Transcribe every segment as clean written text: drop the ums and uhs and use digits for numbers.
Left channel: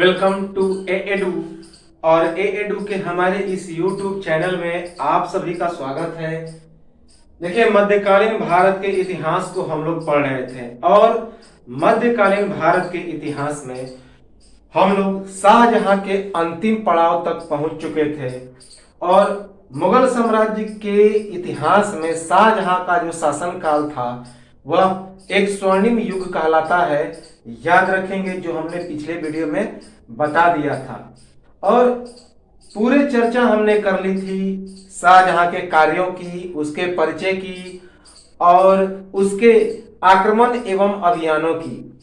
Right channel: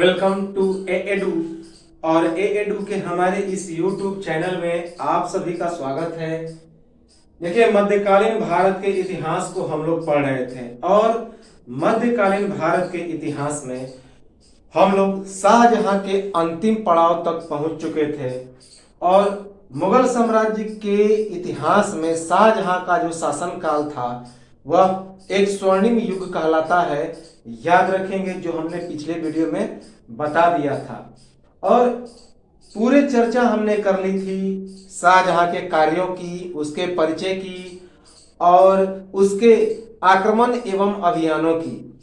Welcome to Edu. और Edu के हमारे इस यूट्यूब चैनल में आप सभी का स्वागत है। देखिए, मध्यकालीन भारत के इतिहास को हम लोग पढ़ रहे थे और मध्यकालीन भारत के इतिहास में हम लोग शाहजहां के अंतिम पड़ाव तक पहुंच चुके थे और मुगल साम्राज्य के इतिहास में शाहजहां का जो शासनकाल था वह एक स्वर्णिम युग कहलाता है। याद रखेंगे, जो हमने पिछले वीडियो में बता दिया था। और पूरे चर्चा हमने कर ली थी शाहजहां के कार्यों की, उसके परिचय की और उसके आक्रमण एवं अभियानों की।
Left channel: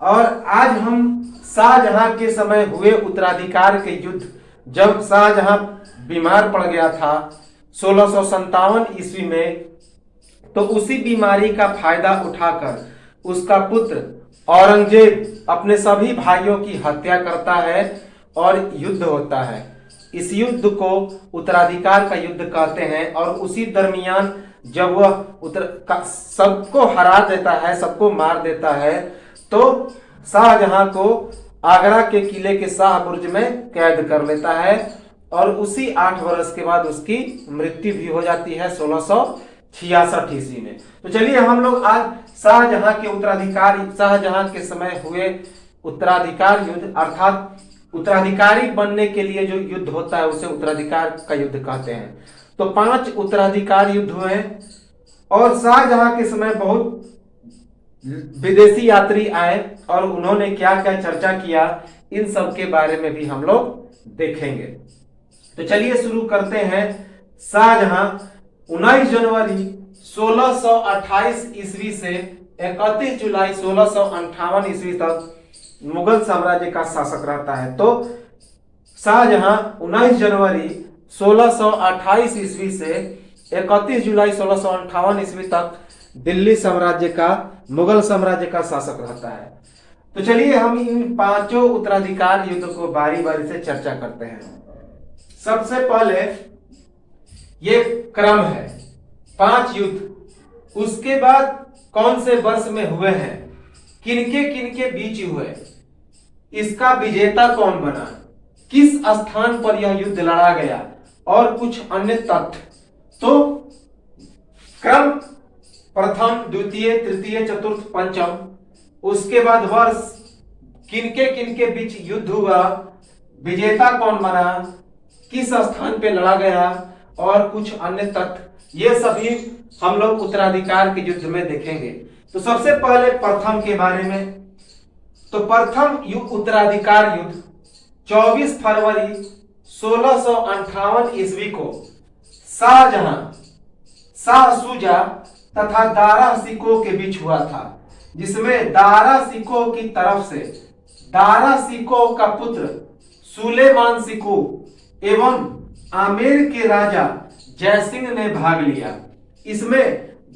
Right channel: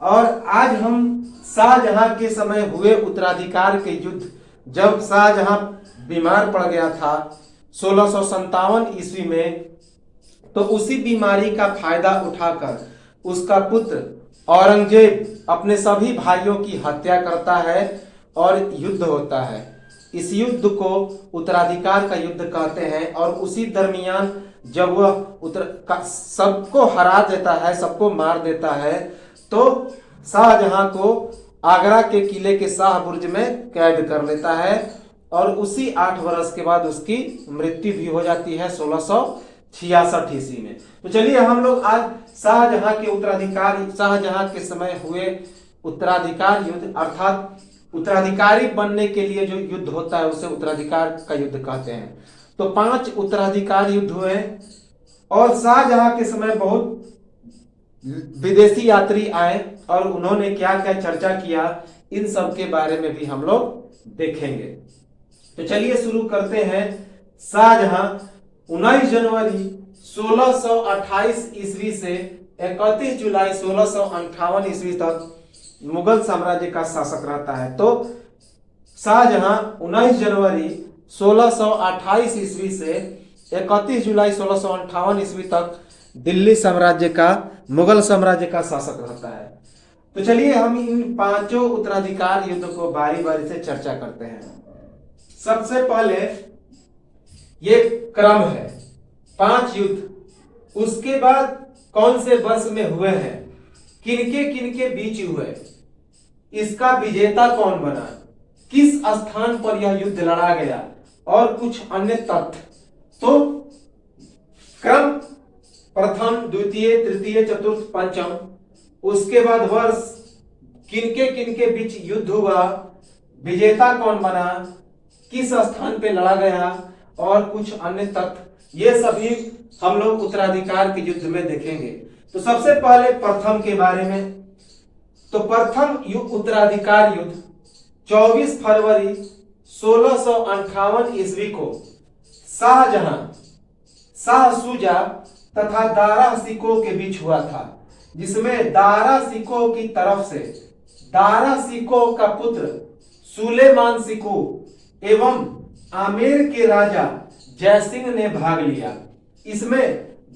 और आज हम शाहजहां के समय हुए उत्तराधिकार के युद्ध, जब शाहजहां बीमार पड़ गया था 1657 ईस्वी में, तो उसी बीमारी का फायदा उठाकर उसका पुत्र औरंगजेब अपने सभी भाइयों की हत्या करता है और युद्ध होता है। इस युद्ध को उत्तराधिकार का युद्ध कहते हैं। और उसी दरमियान जब वह सबको हरा देता है, सबको मार देता है, तो शाहजहां को आगरा के किले के शाह बुर्ज में कैद कर लेता है और उसी 8 वर्ष के बाद उसकी मृत्यु भी हो जाती है 1666 ईस्वी में। तो चलिए हम लोग आज शाहजहां के शाहजहां के समय हुए उत्तराधिकार युद्ध, अर्थात उत्तराधिकारी बनने के लिए जो युद्ध होता है उसे उत्तराधिकार का युद्ध कहते हैं। तो 5 उत्तराधिकार युद्ध हुए और शाहजहां के समय बहुत विदेशी यात्री आए और उन्होंने क्या क्या चर्चा किया, इन सब के बारे में भी हम लोग देखेंगे। तो चलिए शुरू करते हैं। शाहजहां 19 जनवरी 1628 ईस्वी से 31 जुलाई 1658 ईस्वी तक मुगल साम्राज्य का शासक रहता है। तो शाहजहां 19 जनवरी 1628 ईस्वी से 31 जुलाई 1658 ईस्वी तक दिल्ली साम्राज्य का, मुगल साम्राज्य का शासक रहता है। तो चलिए हम इन 5 उत्तराधिकार युद्ध को बारी बारी से चर्चा करते हैं। सबसे पहले ये क्रम है 5 युद्ध, उसके बाद कौन से वर्ष में हुए हैं, किनके बीच हुए, इसका विजेता कौन बना, किस स्थान पर यह युद्ध लड़ा गया और कुछ अन्य तथ्य। तो क्रम प्रथम, द्वितीय, तृतीय, चतुर्थ, पंचम, उसके बाद वर्ष, किनके बीच युद्ध हुआ, विजेता कौन बना, किस स्थान पे लड़ा गया और कुछ अन्य तथ्य, ये सभी हम लोग उत्तराधिकार के युद्ध में देखेंगे। तो सबसे पहले प्रथम के बारे में। तो प्रथम उत्तराधिकार युद्ध 24 फरवरी 1658 ईस्वी को शाहजहां, शाह शुजा तथा दारा शिकोह के बीच हुआ था, जिसमें दारा शिकोह की तरफ से दारा शिकोह का पुत्र सुलेमान शिकोह एवं आमेर के राजा जयसिंह ने भाग लिया। इसमें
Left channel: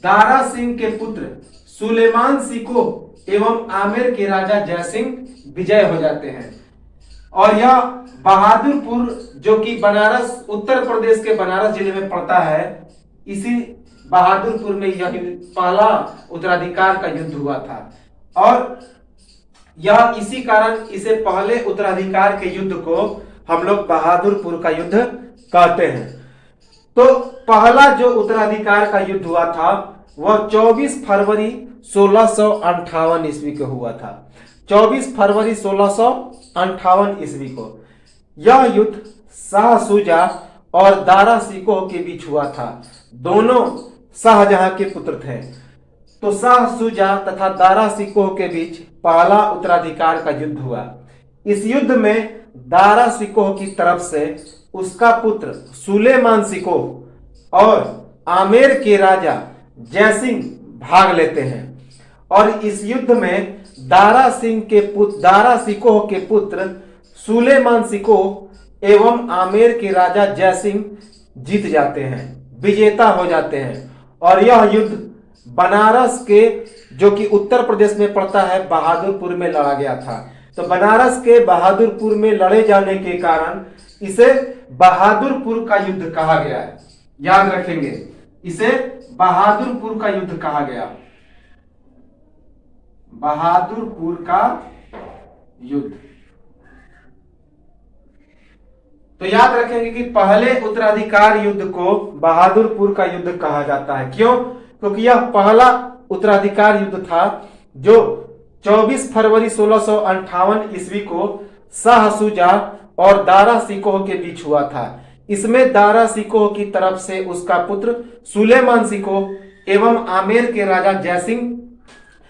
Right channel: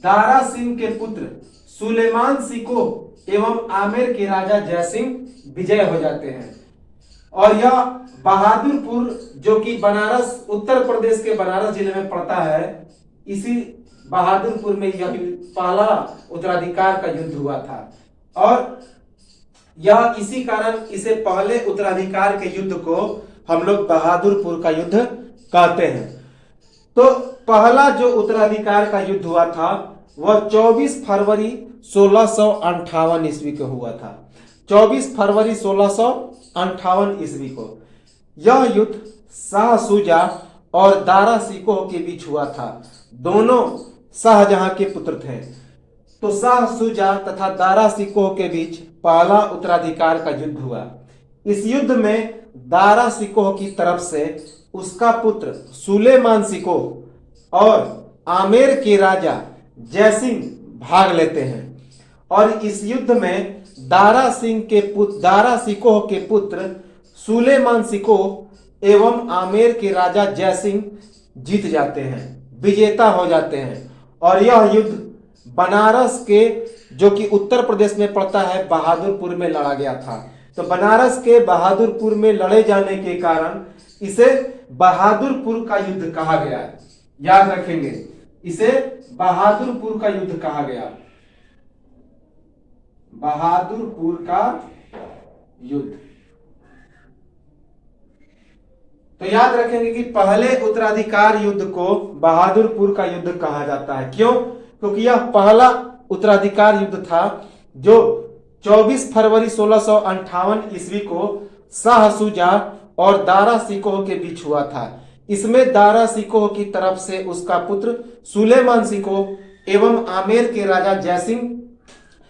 दारा सिंह के पुत्र सुलेमान शिकोह एवं आमेर के राजा जयसिंह विजय हो जाते हैं। और यह बहादुरपुर, जो कि बनारस, उत्तर प्रदेश के बनारस जिले में पड़ता है, इसी बहादुरपुर में यह पहला उत्तराधिकार का युद्ध हुआ था। और यह इसी कारण इसे पहले उत्तराधिकार के युद्ध को हम लोग बहादुरपुर का युद्ध कहते हैं। तो पहला जो उत्तराधिकार का युद्ध हुआ था वह 24 फरवरी 1658 ईस्वी को हुआ था। 24 फरवरी 1658 ईस्वी को यह युद्ध शाह शुजा और दारा शिकोह के बीच हुआ था। दोनों शाहजहां के पुत्र थे। तो शाह शुजा तथा दारा शिकोह के बीच पहला उत्तराधिकार का युद्ध हुआ। इस युद्ध में दारा शिकोह की तरफ से उसका पुत्र सुलेमान शिकोह और आमेर के राजा जयसिंह भाग लेते हैं। और इस युद्ध में दारा शिकोह के पुत्र सुलेमान शिकोह एवं आमेर के राजा जयसिंह जीत जाते हैं, विजेता हो जाते हैं। और यह युद्ध बनारस के, जो कि उत्तर प्रदेश में पड़ता है, बहादुरपुर में लड़ा गया था। तो बनारस के बहादुरपुर में लड़े जाने के कारण इसे बहादुरपुर का युद्ध कहा गया है। याद रखेंगे, इसे बहादुरपुर का युद्ध कहा गया, बहादुरपुर का युद्ध। तो याद रखेंगे कि पहले उत्तराधिकार युद्ध को बहादुरपुर का युद्ध कहा जाता है। क्यों? क्योंकि यह पहला उत्तराधिकार युद्ध था जो 24 फरवरी 1658 ईस्वी को शाह शुजा और दारा शिकोह के बीच हुआ था। इसमें दारा शिकोह की तरफ से उसका पुत्र सुलेमान शिकोह एवं आमेर के राजा जयसिंह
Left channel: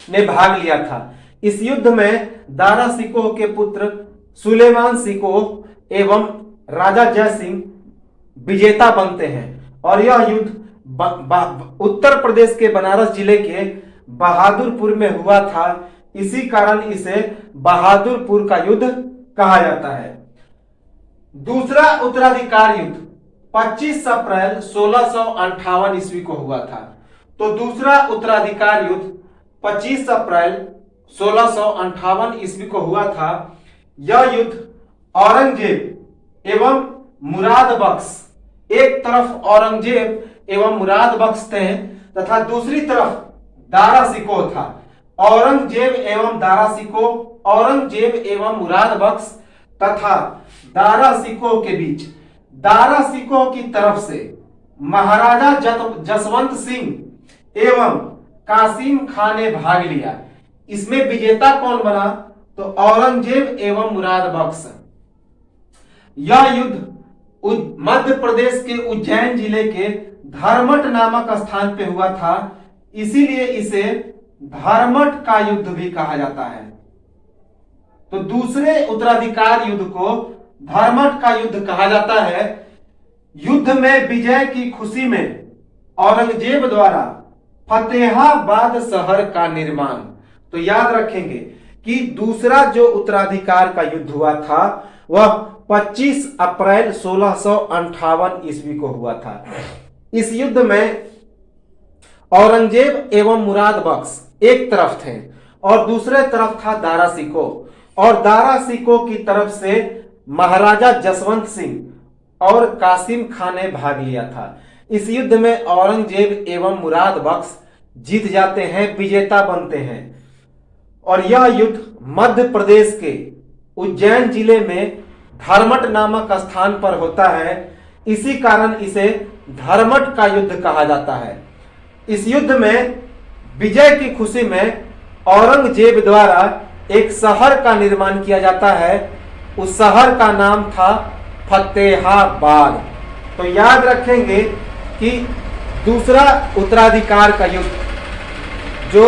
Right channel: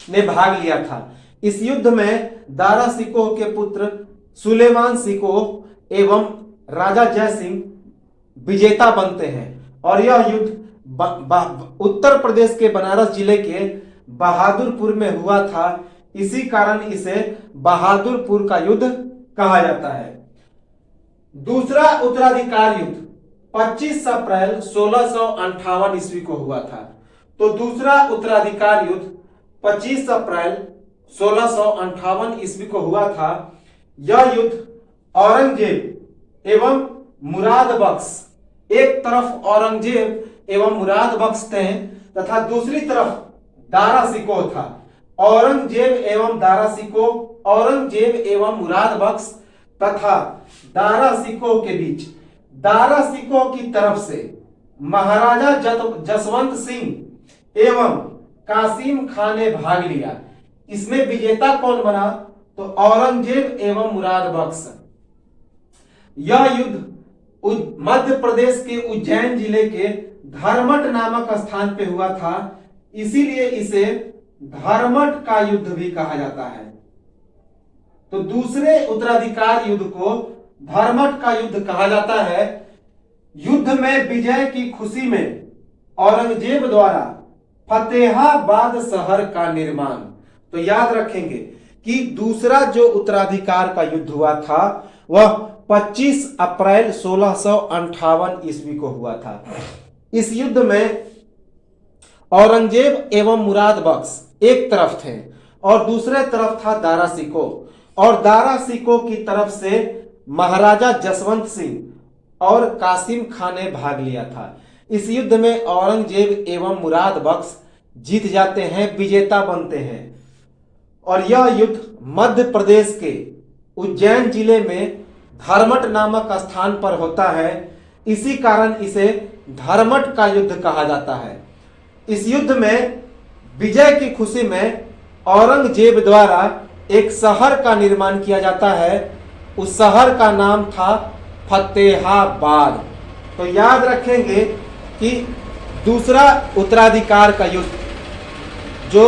ने भाग लिया था। इस युद्ध में दारा शिकोह के पुत्र सुलेमान शिकोह एवं राजा जयसिंह विजेता बनते हैं और यह युद्ध उत्तर प्रदेश के बनारस जिले के बहादुरपुर में हुआ था। इसी कारण इसे बहादुरपुर का युद्ध कहा जाता है। दूसरा उत्तराधिकार युद्ध 25 अप्रैल 1658 ईस्वी को हुआ था। तो दूसरा उत्तराधिकार युद्ध 25 अप्रैल 1658 ईस्वी को हुआ था। यह युद्ध औरंगजेब एवं मुराद बख्श, एक तरफ औरंगजेब एवं मुराद बख्श थे तथा दूसरी तरफ दारा शिकोह था। औरंगजेब एवं दारा शिकोह, औरंगजेब एवं मुराद बख्श तथा दारा शिकोह के बीच दारा शिकोह की तरफ से महाराजा जसवंत सिंह एवं कासिम खान ने भाग लिया। इसमें विजेता कौन बना? तो औरंगजेब एवं मुराद बख्श। यह युद्ध मध्य प्रदेश के उज्जैन जिले के धर्मट नामक स्थान पे हुआ था, इसीलिए इसे धर्मट का युद्ध भी कहा जाता है। तो दूसरे उत्तराधिकार युद्ध को धर्मट का युद्ध कहा जाता है। युद्ध में विजय की खुशी में औरंगजेब द्वारा फतेहाबाद शहर का निर्माण। तो याद रखेंगे कि दूसरा जो उत्तराधिकार का युद्ध हुआ था वह 25 अप्रैल 1658 ईस्वी को हुआ था। इस युद्ध में औरंगजेब एवं मुराद बख्श एक तरफ थे और दूसरे तरफ था दारा शिकोह, और दारा शिकोह की तरफ से महाराजा जसवंत सिंह और कासिम खान ने भाग लिया था। इस युद्ध में औरंगजेब एवं मुराद बख्श जीत जाते हैं, विजेता बनते हैं, और यह युद्ध मध्य प्रदेश के उज्जैन जिले में धर्मट नामक स्थान पर होता है। इसी कारण इसे धर्मट का युद्ध कहा जाता है। इस युद्ध में विजय की खुशी में औरंगजेब द्वारा एक शहर का निर्माण किया जाता है। उस शहर का नाम था फतेहाबाद। तो याद रखेंगे कि दूसरा उत्तराधिकार का युद्ध, जो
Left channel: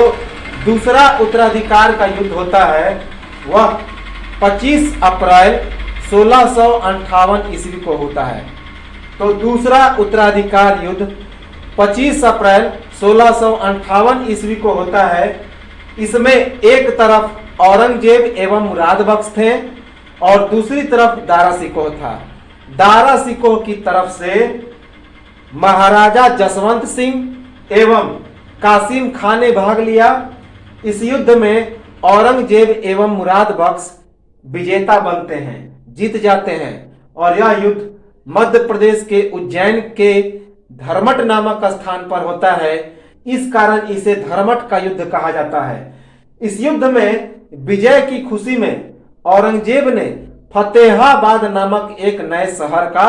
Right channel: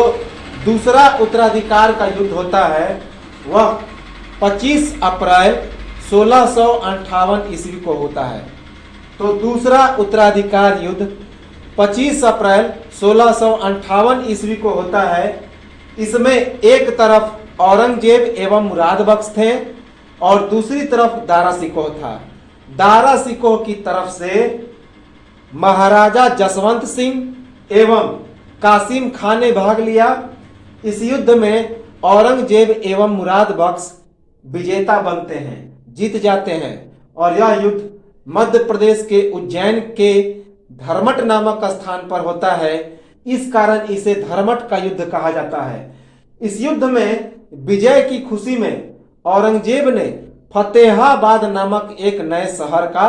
दूसरा उत्तराधिकार का युद्ध होता है वह 25 अप्रैल 1658 ईस्वी को होता है। तो दूसरा उत्तराधिकार युद्ध 25 अप्रैल 1658 ईस्वी को होता है। इसमें एक तरफ औरंगजेब एवं मुराद बख्श थे और दूसरी तरफ दारा शिकोह था। दारा शिकोह की तरफ से महाराजा जसवंत सिंह एवं कासिम खान ने भाग लिया। इस युद्ध में औरंगजेब एवं मुराद बख्श विजेता बनते हैं, जीत जाते हैं, और यह युद्ध मध्य प्रदेश के उज्जैन के धर्मट नामक स्थान पर होता है। इस कारण इसे धर्मट का युद्ध कहा जाता है। इस युद्ध में विजय की खुशी में औरंगजेब ने फतेहाबाद नामक एक नए शहर का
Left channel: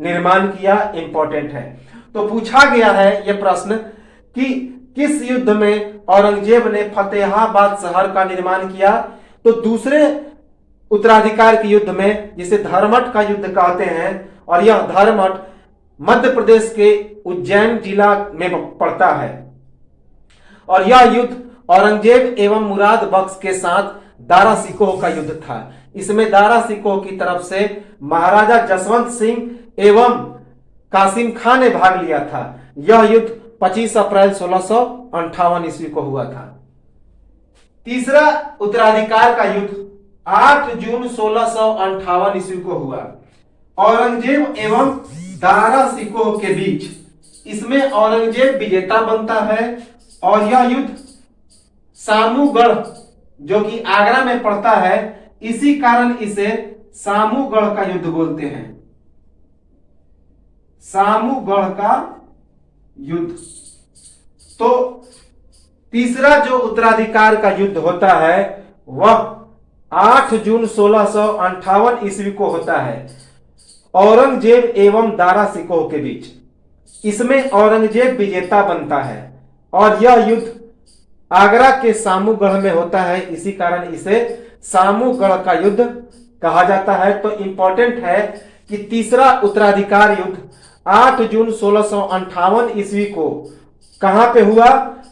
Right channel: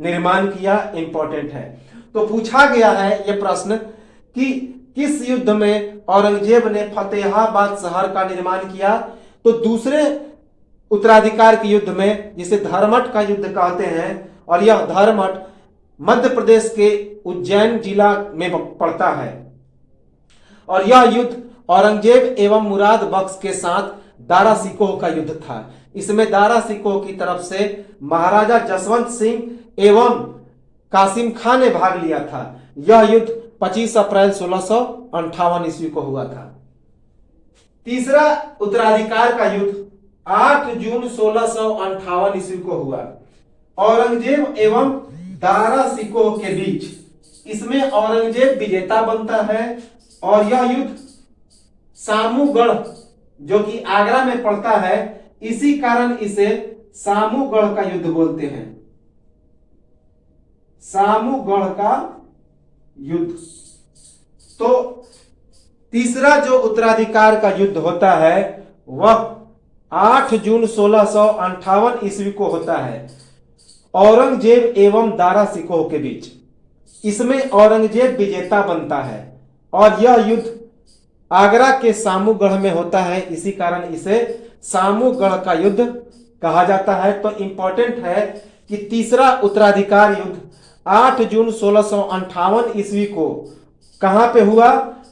निर्माण किया। इंपॉर्टेंट है। तो पूछा गया है यह प्रश्न कि किस युद्ध में औरंगजेब ने फतेहाबाद शहर का निर्माण किया? तो दूसरे उत्तराधिकार के युद्ध में, जिसे धर्मट का युद्ध कहते हैं, और यह धर्मट मध्य प्रदेश के उज्जैन जिला में पड़ता है। और यह युद्ध औरंगजेब एवं मुराद बख्श के साथ दारा शिकोह का युद्ध था। इसमें दारा शिकोह की तरफ से महाराजा जसवंत सिंह एवं कासिम खान ने भाग लिया था। यह युद्ध 25 अप्रैल 1658 ईस्वी को हुआ था। तीसरा उत्तराधिकार का युद्ध 8 जून 1658 ईस्वी को हुआ, औरंगजेब एवं दारा शिकोह के बीच। इसमें औरंगजेब विजेता बनता है और यह युद्ध सामूगढ़, जो कि आगरा में पड़ता है, इसी कारण इसे सामूगढ़ का युद्ध बोलते हैं। सामूगढ़ का युद्ध। तो तीसरा जो उत्तराधिकार का युद्ध होता है वह 8 जून 1658 ईस्वी को होता है। औरंगजेब एवं दारा सिकोह के बीच। इसमें औरंगजेब विजेता बनता है और यह युद्ध आगरा के सामूगढ़ में होता है, इसी कारण इसे सामूगढ़ का युद्ध कहा जाता है। तो इंपॉर्टेंट है कि तीसरा उत्तराधिकार युद्ध 8 जून 1658 ईस्वी को कहां पे हुआ,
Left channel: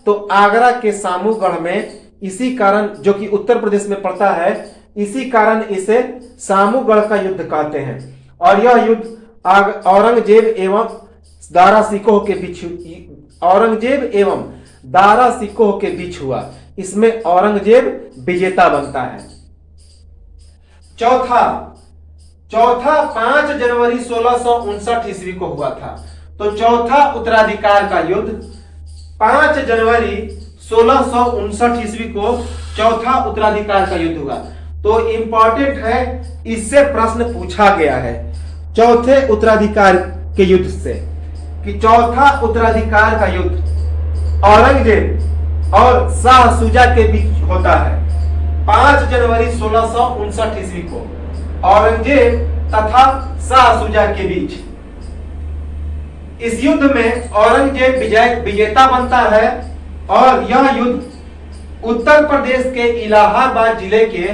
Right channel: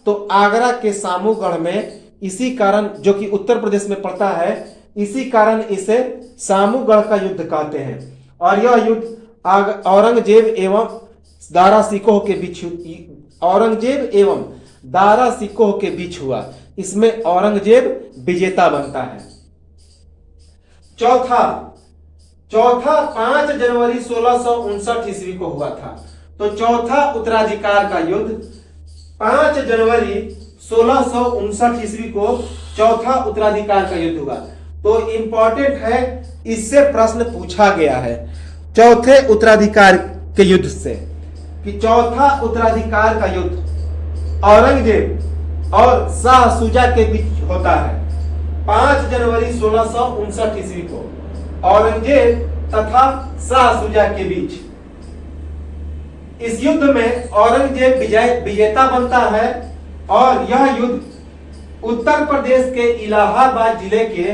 तो आगरा के सामूगढ़ में। इसी कारण, जो कि उत्तर प्रदेश में पड़ता है, इसी कारण इसे सामूगढ़ का युद्ध कहते हैं। और यह युद्ध औरंगजेब एवं दारा सिकोह के बीच, औरंगजेब एवं दारा सिकोह के बीच हुआ। इसमें औरंगजेब विजेता बनता है। चौथा 5 जनवरी 1659 ईस्वी को हुआ था। तो चौथा उत्तराधिकार का युद्ध 5 जनवरी 1659 ईस्वी को चौथा उत्तराधिकार का युद्ध हुआ। तो इंपॉर्टेंट है, इससे प्रश्न पूछा गया है चौथे उत्तराधिकार के युद्ध से, कि चौथा उत्तराधिकार का युद्ध औरंगजेब और शाह शुजा के बीच होता है 5 जनवरी 1659 ईस्वी को, औरंगजेब तथा शाह शुजा के बीच। इस युद्ध में औरंगजेब विजेता बनता है और यह युद्ध उत्तर प्रदेश के इलाहाबाद जिले के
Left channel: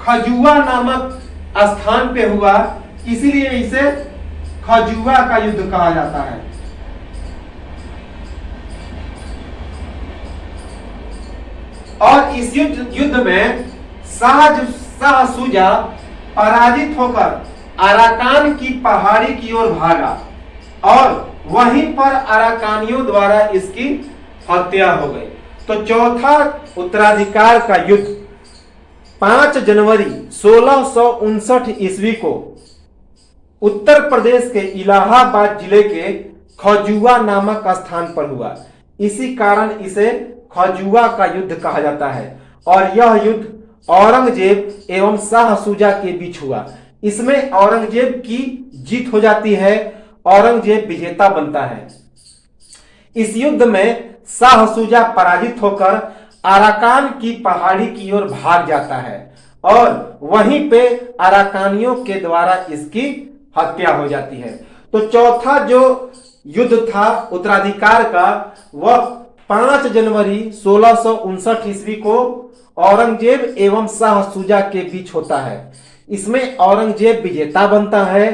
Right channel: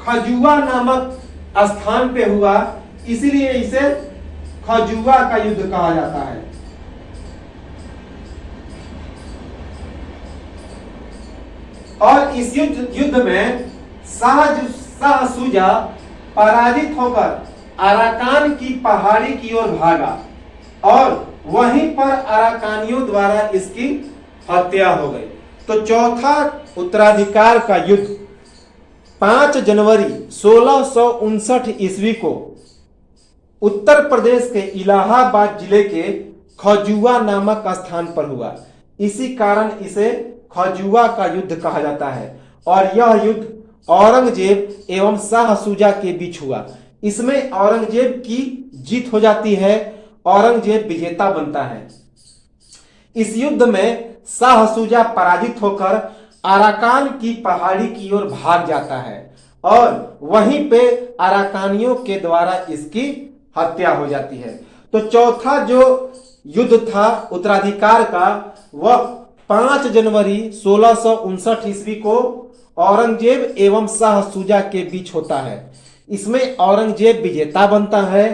खजुआ नामक स्थान पे हुआ, इसीलिए इसे खजुआ का युद्ध कहा जाता है। और इस युद्ध में शाह शुजा पराजित होकर अराकान की पहाड़ी की ओर भागा और वहीं पर अराकानियों द्वारा इसकी हत्या हो गई। तो चौथा उत्तराधिकार का युद्ध 5 जनवरी 1659 ईस्वी को उत्तर प्रदेश के इलाहाबाद जिले के खजुआ नामक स्थान पर हुआ। इसी कारण इसे खजुआ का युद्ध कहा जाता है। और यह युद्ध औरंगजेब एवं शाह शुजा के बीच हुआ। इसमें औरंगजेब की जीत हो जाती है, औरंगजेब विजेता बनता है। इस युद्ध में शाह शुजा पराजित होकर अराकान की पहाड़ी की ओर भाग जाता है और वहीं पे अराकानियों के द्वारा इसकी हत्या हो जाती है। तो चौथा जो युद्ध था उत्तराधिकार का, वह 5 जनवरी 1659 ईस्वी को औरंगजेब एवं शाह शुजा के बीच होता है। इसमें औरंगजेब विजेता बनता है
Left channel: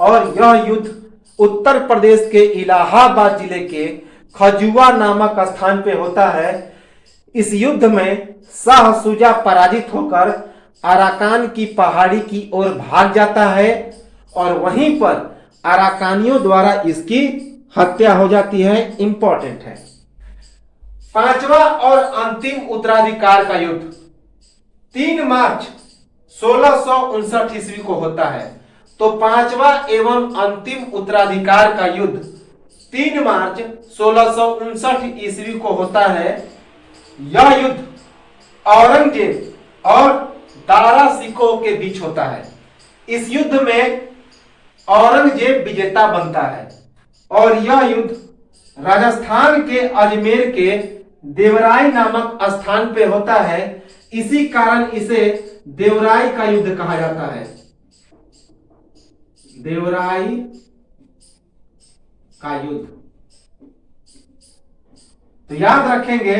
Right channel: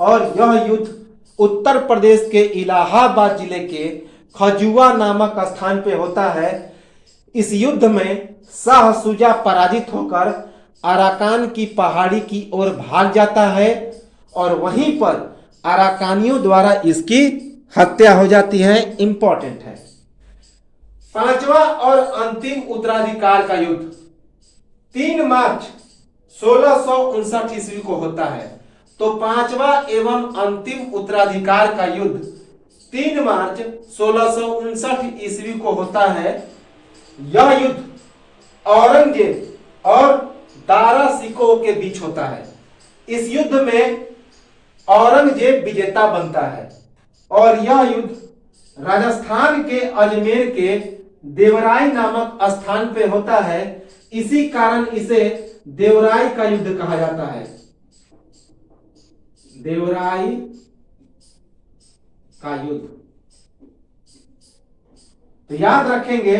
और यह युद्ध उत्तर प्रदेश के इलाहाबाद जिले के खजुआ नामक स्थान पे होता है। इस युद्ध में शाह शुजा पराजित होकर अराकान की पहाड़ी की ओर भाग जाता है और वहीं पर अराकानियों द्वारा इसकी हत्या हो जाती है। इंपॉर्टेंट है। पांचवा और अंतिम उत्तराधिकार का युद्ध 3 मार्च 1659 ईस्वी को होता है। तो पांचवा एवं अंतिम उत्तराधिकार का युद्ध 3 मार्च 1659 ईस्वी को होता है। यह युद्ध औरंगजेब और दारा सिकोह के बीच होता है। इस युद्ध में औरंगजेब विजेता बनता है और यह युद्ध राजस्थान के अजमेर के देवराई नामक स्थान पे होता है। इसी कारण इसे देवराई का युद्ध कहा जाता है। देवराई का युद्ध। तो याद रखेंगे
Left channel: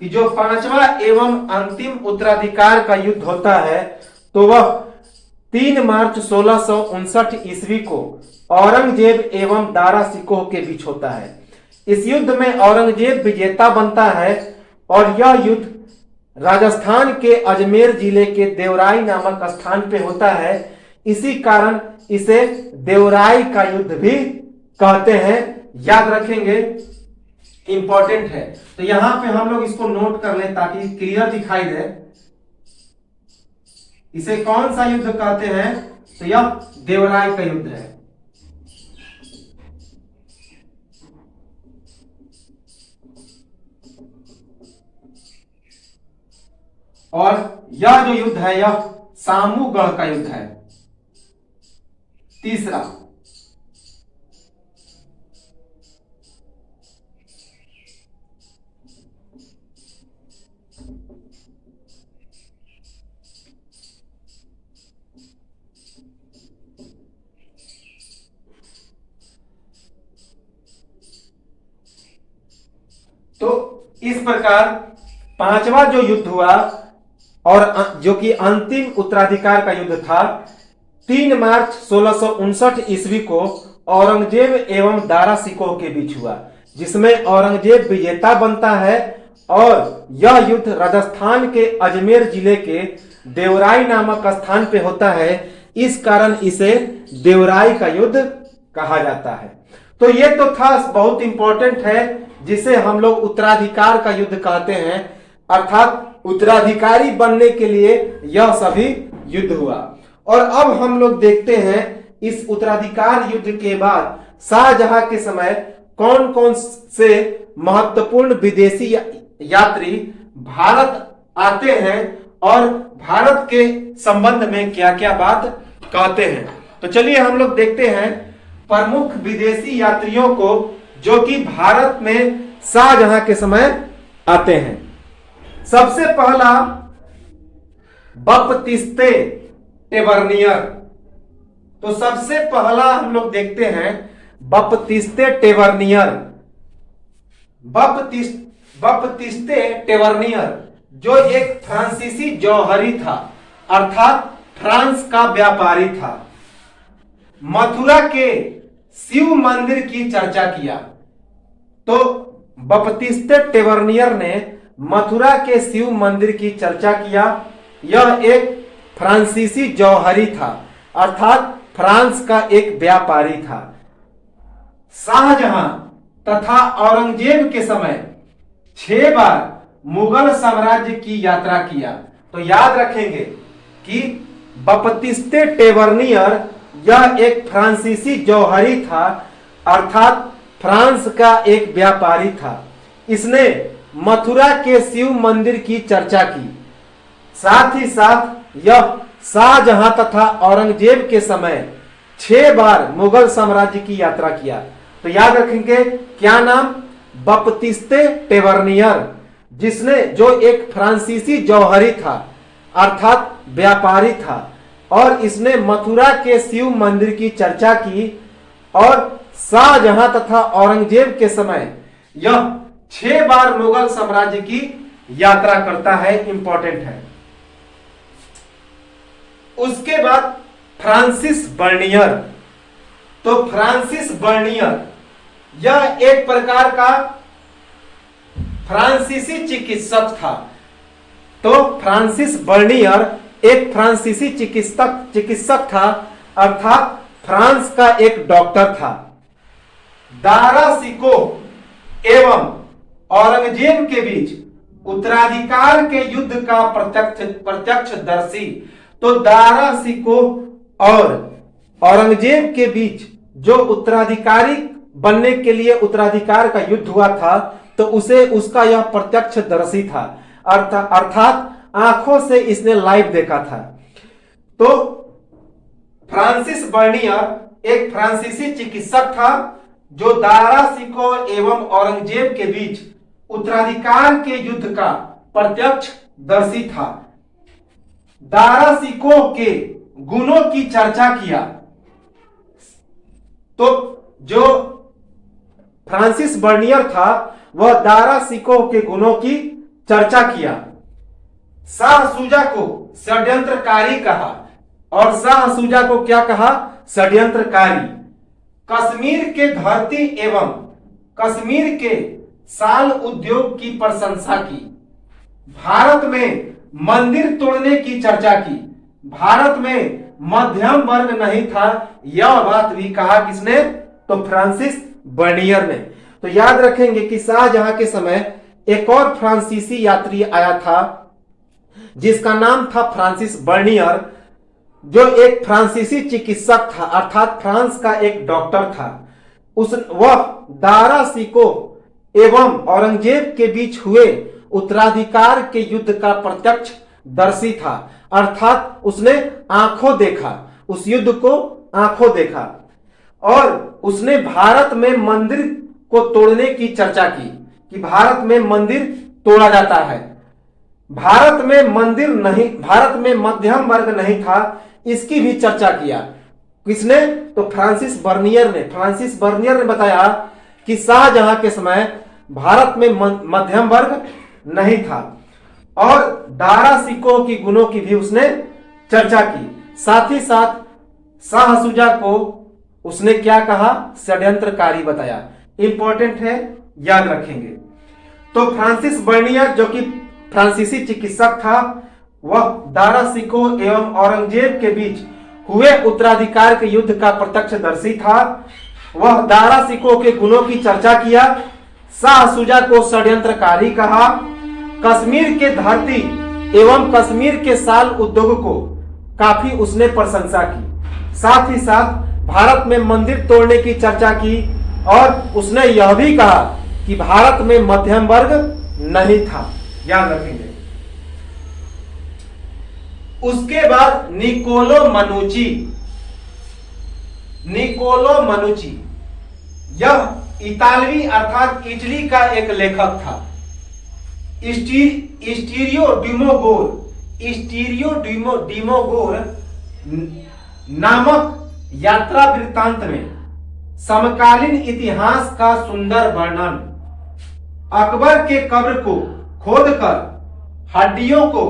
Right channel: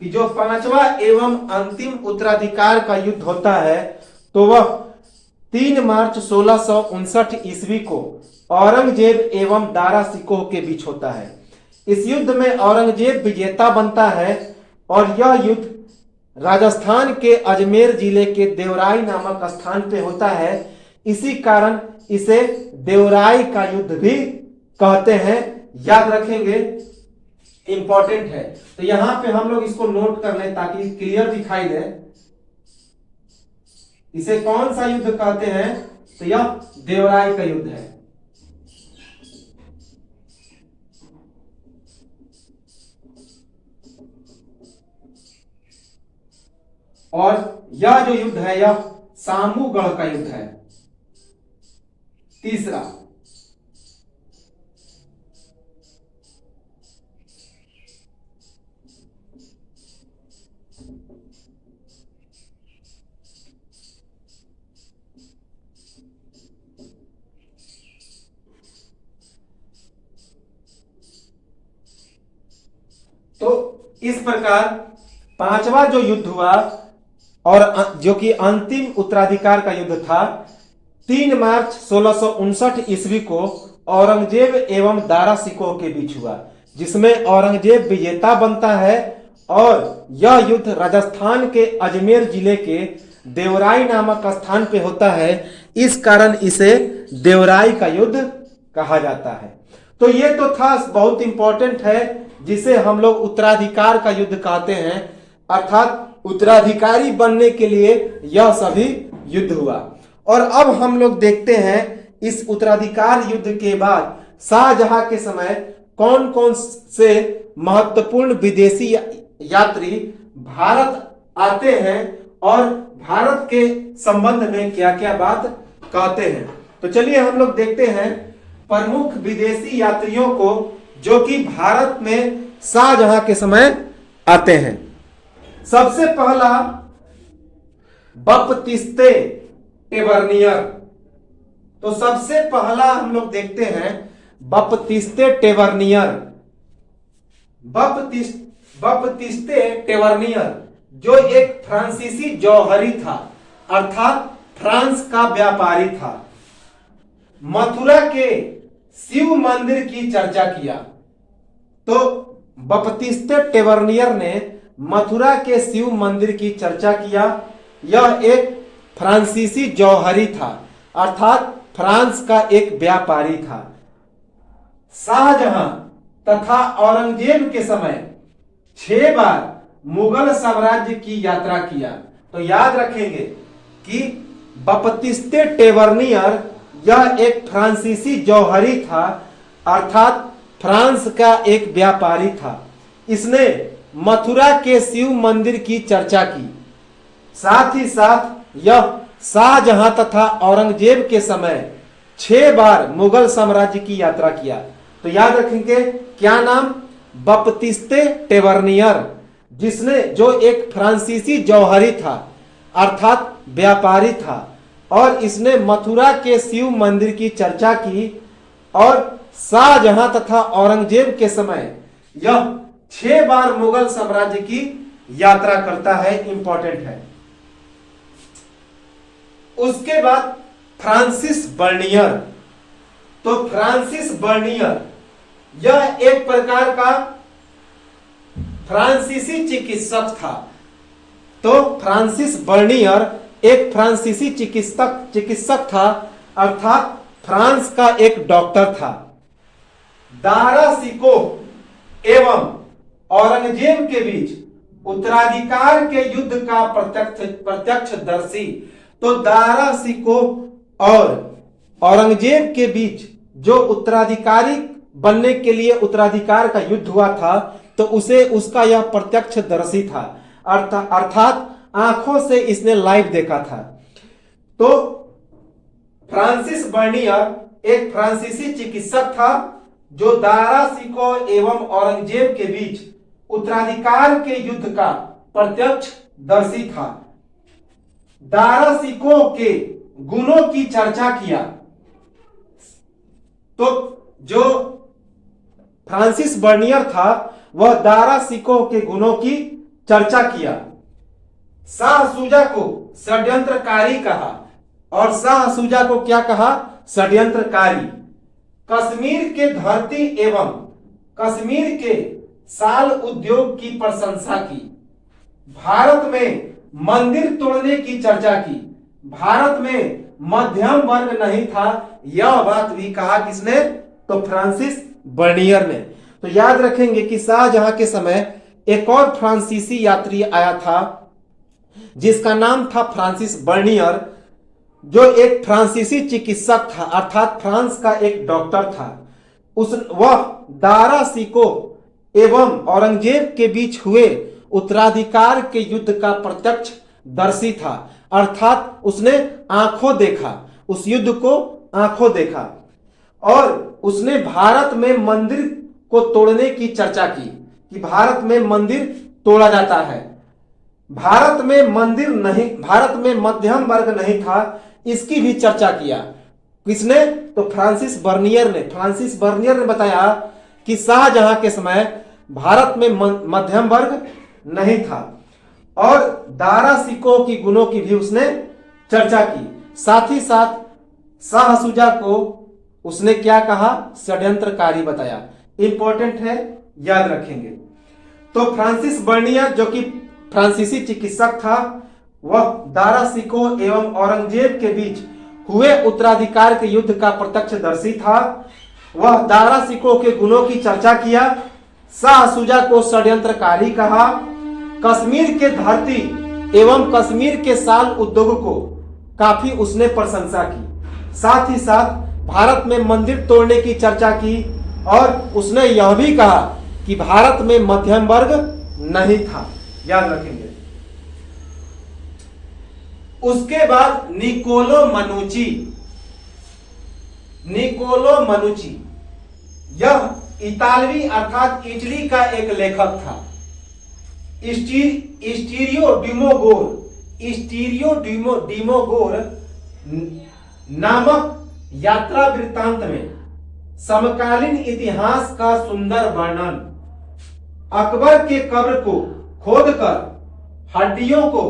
कि जो पांचवा एवं अंतिम उत्तराधिकार का युद्ध होता है, तो वह 3 मार्च 1659 ईस्वी को औरंगजेब एवं दारा सिकोह के बीच होता है। इस युद्ध में औरंगजेब विजेता बनता है और यह युद्ध राजस्थान के अजमेर जिले के देवराई नामक स्थान पे होता है। इसी कारण इसे देवराई का युद्ध भी कहते हैं। याद रखेंगे, इंपॉर्टेंट है। तो यहां पे हम लोग इसको नोट कर लें ताकि क्लियर दिखाई दे। इसे कौन सा युद्ध कहते हैं? तो यह देवराई का युद्ध है। और यह जो युद्ध है, यह सामूगढ़ का युद्ध है। तीसरा, तो इस प्रकार पांचवा जो युद्ध हुआ और जो कि अंतिम उत्तराधिकार का युद्ध था, 3 मार्च 1659 ईस्वी को औरंगजेब एवं दारा सिकोह के बीच हुआ, जिसमें औरंगजेब विजेता बनता है और यह युद्ध राजस्थान के अजमेर जिले के देवराई नामक स्थान पे होता है। इस कारण इसे देवराई का युद्ध कहा जाता है। तो ये तो था, बहुत इंपॉर्टेंट है, जिसे हम लोग उत्तराधिकार का युद्ध कहते हैं, अर्थात उत्तराधिकारी बनने के लिए यह सभी युद्ध हुआ। और अब हम लोग देखते हैं इस उत्तराधिकार युद्ध के बाद शाहजहां के समय कौन कौन से महत्वपूर्ण विदेशी यात्री भारत आते हैं और भारत के संबंध में क्या क्या बात कहते हैं। तो चलिए हम लोग देखते हैं प्रमुख विदेशी यात्रियों को जो कि भारत में शाहजहां के समय आते हैं। सबसे पहला बपतिस्ते टेवर्नियर। तो सबसे पहला हम लोग देखते हैं बपतिस्ते टेवर्नियर। बपतिस्ते टेवर्नियर जो एक फ्रांसीसी जौहरी था, अर्थात फ्रांस का व्यापारी था। मथुरा के शिव मंदिर की चर्चा किया। तो बपतिस्ते टेवर्नियर ने मथुरा के शिव मंदिर की चर्चा किया। यह एक फ्रांसीसी जौहरी था, अर्थात फ्रांस का एक व्यापारी था। शाहजहां तथा औरंगजेब के समय 6 बार मुगल साम्राज्य की यात्रा किया। तो याद रखेंगे कि बपतिस्ते टेवर्नियर यह एक फ्रांसीसी जौहरी था, अर्थात फ्रांस का एक व्यापारी था। इसने मथुरा के शिव मंदिर की चर्चा की। साथ ही साथ यह शाहजहां तथा औरंगजेब के समय 6 बार मुगल साम्राज्य की यात्रा किया। तो याद रखेंगे क्या नाम, बपतिस्ते टेवर्नियर, जिसने जो एक फ्रांसीसी जौहरी था, अर्थात व्यापारी था, और इसने मथुरा के शिव मंदिर की चर्चा की। और शाहजहां तथा औरंगजेब के समय यह 6 बार मुगल साम्राज्य की यात्रा करता है। इंपॉर्टेंट है। उसके बाद फ्रांसिस बर्नियर। तो फ्रांसिस बर्नियर यह एक प्रकार का फ्रांसीसी चिकित्सक था। तो फ्रांसिस बर्नियर एक फ्रांसीसी चिकित्सक था, अर्थात फ्रांस का एक डॉक्टर था। दारा सिकोह एवं औरंगजेब के बीच उत्तराधिकार के युद्ध का प्रत्यक्षदर्शी। तो दारा सिकोह और औरंगजेब के बीच जो उत्तराधिकारी बनने के लिए उत्तराधिकार का युद्ध हुआ था, तो उसका यह प्रत्यक्षदर्शी था, अर्थात आंखों से इसने लाइव देखा था। तो फ्रांसिस बर्नियर एक फ्रांसीसी चिकित्सक था जो दारा सिकोह एवं औरंगजेब के बीच उत्तराधिकार के युद्ध का प्रत्यक्षदर्शी था। दारा सिकोह के गुणों की चर्चा किया। तो जो फ्रांसिस बर्नियर था वह दारा सिकोह के गुणों की चर्चा किया। शाह सूजा को षड्यंत्रकारी कहा। और शाह सूजा को क्या कहा, षड्यंत्रकारी। कश्मीर के धरती एवं कश्मीर के साल उद्योग की प्रशंसा की। भारत में मंदिर तोड़ने की चर्चा की। भारत में मध्यम वर्ग नहीं था, यह बात भी कहा किसने, तो फ्रांसिस बर्नियर ने। तो याद रखेंगे कि शाहजहां के समय एक और फ्रांसीसी यात्री आया था जिसका नाम था फ्रांसिस बर्नियर, जो एक फ्रांसीसी चिकित्सक था, अर्थात फ्रांस का एक डॉक्टर था। वह दारा सिकोह एवं औरंगजेब के बीच हुए उत्तराधिकार के युद्ध का प्रत्यक्षदर्शी था, अर्थात उसने आंखों देखा, उस युद्ध को आंखों देखा। और उसने भारत में मंदिर को तोड़ने की चर्चा की कि भारत में मंदिर तोड़ा जाता है। भारत में मंदिर नहीं, भारत में मध्यम वर्ग नहीं था, इसकी भी चर्चा किया। किसने, तो फ्रांसिस बर्नियर ने। फ्रांसिस बर्नियर ने बताया कि शाहजहां के समय भारत में मध्यम वर्ग नहीं था। और दारा सिकोह की गुणों की भी उसने चर्चा की। साथ ही साथ शाह शुजा को उसने क्या कहा? षड्यंत्रकारी बताया। इंपॉर्टेंट है, याद रखेंगे। तो फ्रांसिस बर्नियर जो कि फ्रांसीसी चिकित्सक था, वह दारा सिकोह एवं औरंगजेब के बीच हुए उत्तराधिकार के युद्ध का प्रत्यक्षदर्शी था। वह दारा सिकोह के गुणों की चर्चा किया, शाह शुजा को षड्यंत्रकारी कहा, कश्मीर के धरती एवं कश्मीर के साल उद्योग को काफी उसने प्रशंसा की। साथ ही साथ भारत में मंदिर तोड़ने की चर्चा की और उसने यह भी कहा कि भारत में मध्यम वर्ग नहीं था। याद रखेंगे। उसके बाद निकोलो मनुची, यह इतालवी अर्थात इटली का एक लेखक था। स्टीरियो डिमोगोर नामक यात्रा वृत्तांत में समकालीन इतिहास का सुंदर वर्णन, अकबर के कब्र को खोदकर हड्डियों को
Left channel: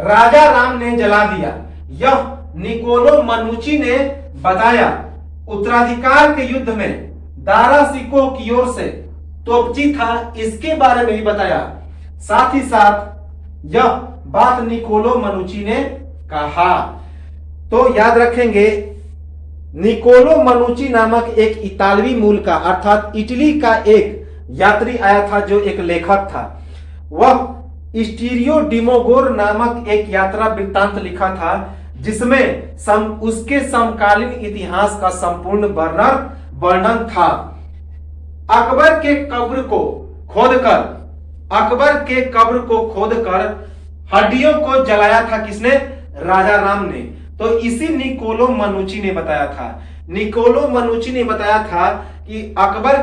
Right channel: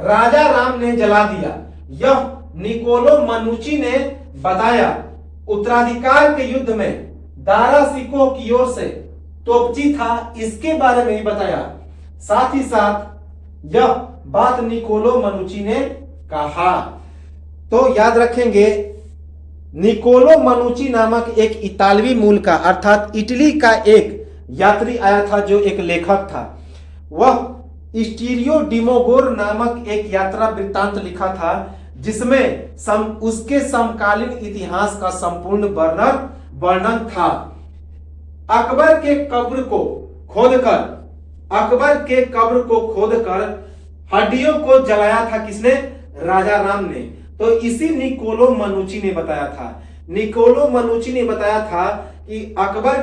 राजा राम ने जला दिया, यह निकोलो मनुची ने बताया। उत्तराधिकार के युद्ध में दारा सिकोह की ओर से तोपची था, इसके बारे में भी बताया। साथ ही साथ यह बात निकोलो मनुची ने कहा। तो याद रखेंगे, निकोलो मनुची नामक एक इतालवी मूल का अर्थात इटली का एक यात्री आया था जो एक लेखक था। वह स्टीरियो डिमोगोर नामक एक यात्रा वृत्तांत लिखा था जिसमें उसके समकालीन इतिहास का संपूर्ण वर्णन था। अकबर के कब्र को खोदकर हड्डियों को जलाया था किसने? राजा राम ने। तो इसी निकोलो मनुची ने बताया था। निकोलो मनुची ने बताया था कि अकबर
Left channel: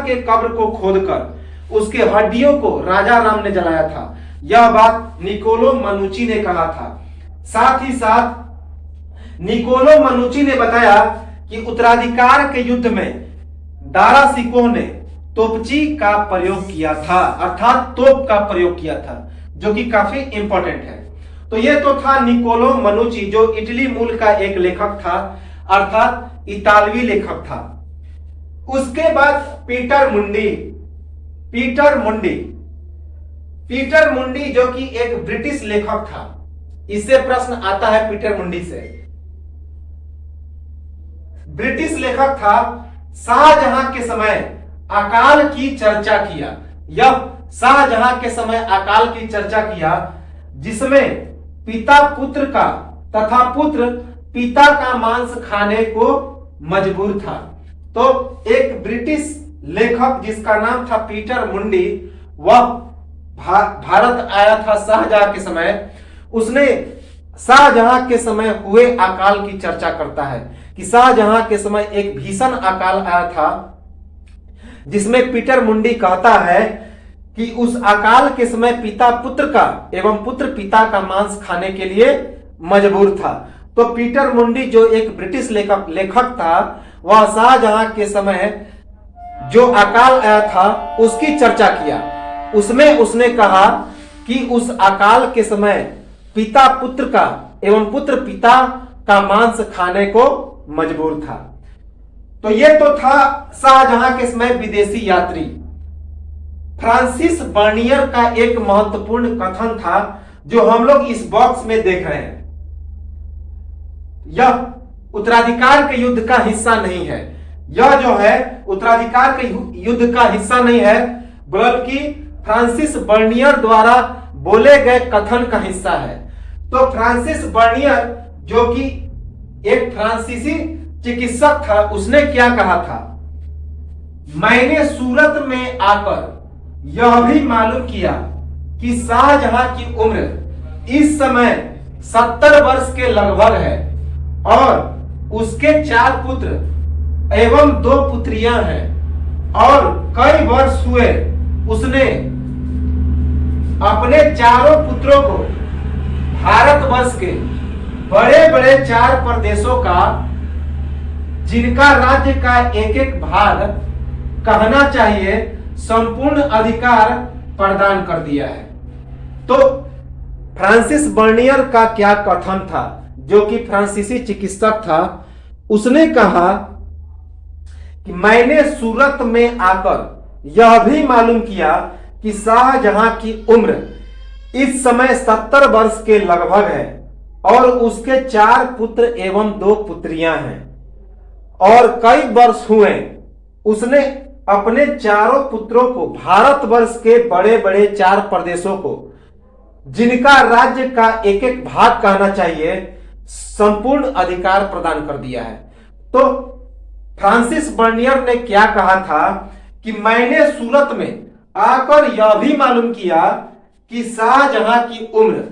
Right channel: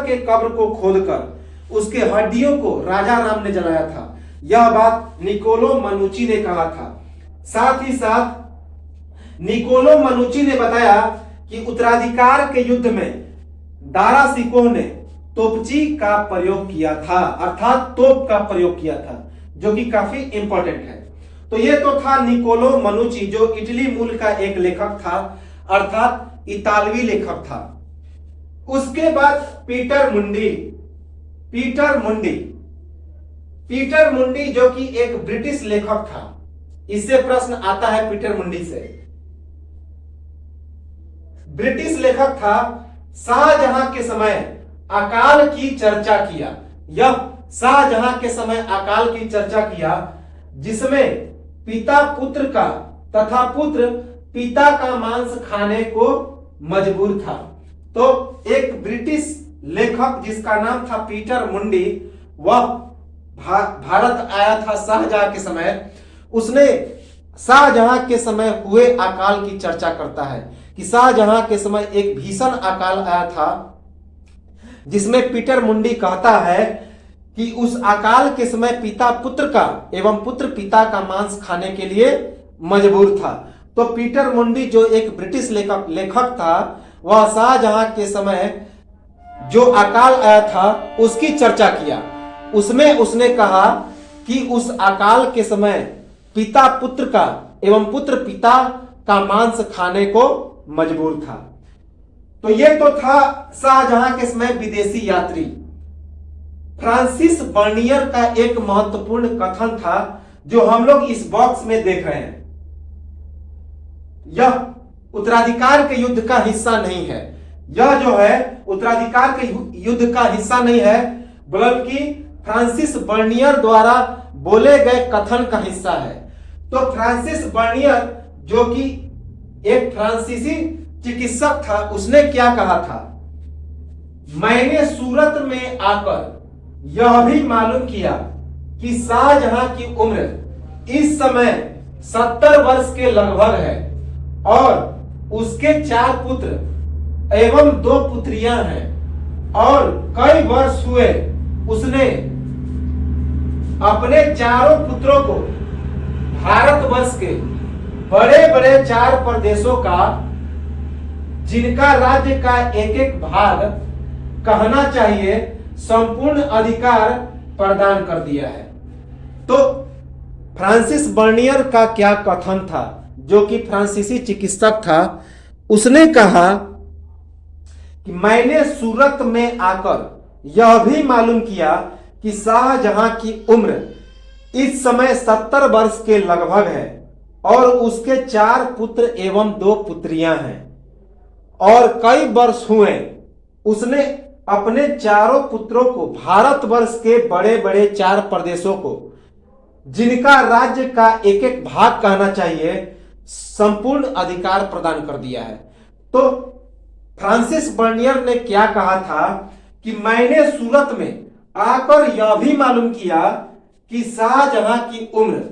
के कब्र को खोदकर उसके हड्डियों को राजा राम ने जलाया था। यह बात निकोलो मनुची ने कहा था। साथ ही साथ निकोलो मनुची ने बताया कि उत्तराधिकार के युद्ध में दारा सिकोह ने तोपची का प्रयोग किया था, अर्थात तोप का प्रयोग किया था, जो कि काफी इंपॉर्टेंट है। तो यह तो था निकोलो मनुची जो इटली मूल का एक लेखक था, अर्थात इतालवी लेखक था। उसके बाद पीटर मुंडी जो कि एक ब्रिटिश लेखक था। इससे प्रश्न आता है पीटर मुंडी से। ब्रिटिश लेखक था, शाहजहां के समय अकाल की चर्चा किया। यह शाहजहां के समय अकाल की चर्चा किया जिसमें पिता पुत्र का तथा पुत्र पिता का मांस खाने को मजबूर था। तो एक ब्रिटिश लेखक जिसका नाम था पीटर मुंडी, वह भारत आया था शाहजहां के समय। उसने शाहजहां के समय हुए अकाल की चर्चा करता है कि शाहजहां के समय एक भीषण अकाल आया था जिसमें पीटर मुंडी कहता है कि उस अकाल के समय पिता पुत्र का एवं पुत्र पिता का मांस खाने के लिए मजबूर था। तो पीटर मुंडी जो एक ब्रिटिश लेखक था, वह शाहजहां के समय जो अकाल आया था उसकी चर्चा किया। उसमें उसने कहा कि उस अकाल के समय पिता पुत्र का एवं पुत्र पिता का मांस खाने को मजबूर था। तो यह तो था शाहजहां के समय विदेशी यात्री। फ्रांसिस बर्नियर का एक महत्वपूर्ण कथन था जो हम लोग इस बॉक्स में देख रहे हैं। यह उत्तराधिकार के युद्ध का हिस्सा नहीं है। यह जो है उत्तराधिकार के युद्ध का हिस्सा नहीं है, बल्कि फ्रांसिस बर्नियर द्वारा बोले गए कथन का हिस्सा है। तो फ्रांसिस बर्नियर जो कि एक फ्रांसीसी चिकित्सक था, उसने क्या कहा था? मैंने सूरत में आकर यह भी मालूम किया कि शाहजहां की उम्र इस समय 70 वर्ष के लगभग है और उसके 4 पुत्र एवं 2 पुत्रियां हैं और कई वर्ष हुए उसने अपने चारों पुत्रों को भारतवर्ष के बड़े बड़े 4 प्रदेशों का जिनका राज्य का एक एक भाग कहना चाहिए संपूर्ण अधिकार प्रदान कर दिया है। तो फ्रांसिस बर्नियर का क्या कथन था, जो कि फ्रांसीसी चिकित्सक था। उसने कहा कि मैंने सूरत में आकर यह भी मालूम किया कि शाहजहां की उम्र इस समय 70 वर्ष के लगभग है और उसके 4 पुत्र एवं 2 पुत्रियां हैं और कई वर्ष हुए उसने अपने चारों पुत्रों को भारतवर्ष के बड़े बड़े 4 प्रदेशों को, जिनका राज्य का एक एक भाग कहना चाहिए, संपूर्ण अधिकार प्रदान कर दिया है। तो फ्रांसिस बर्नियर ने क्या कहा था कि मैंने सूरत में आकर यह भी मालूम किया कि शाहजहां की उम्र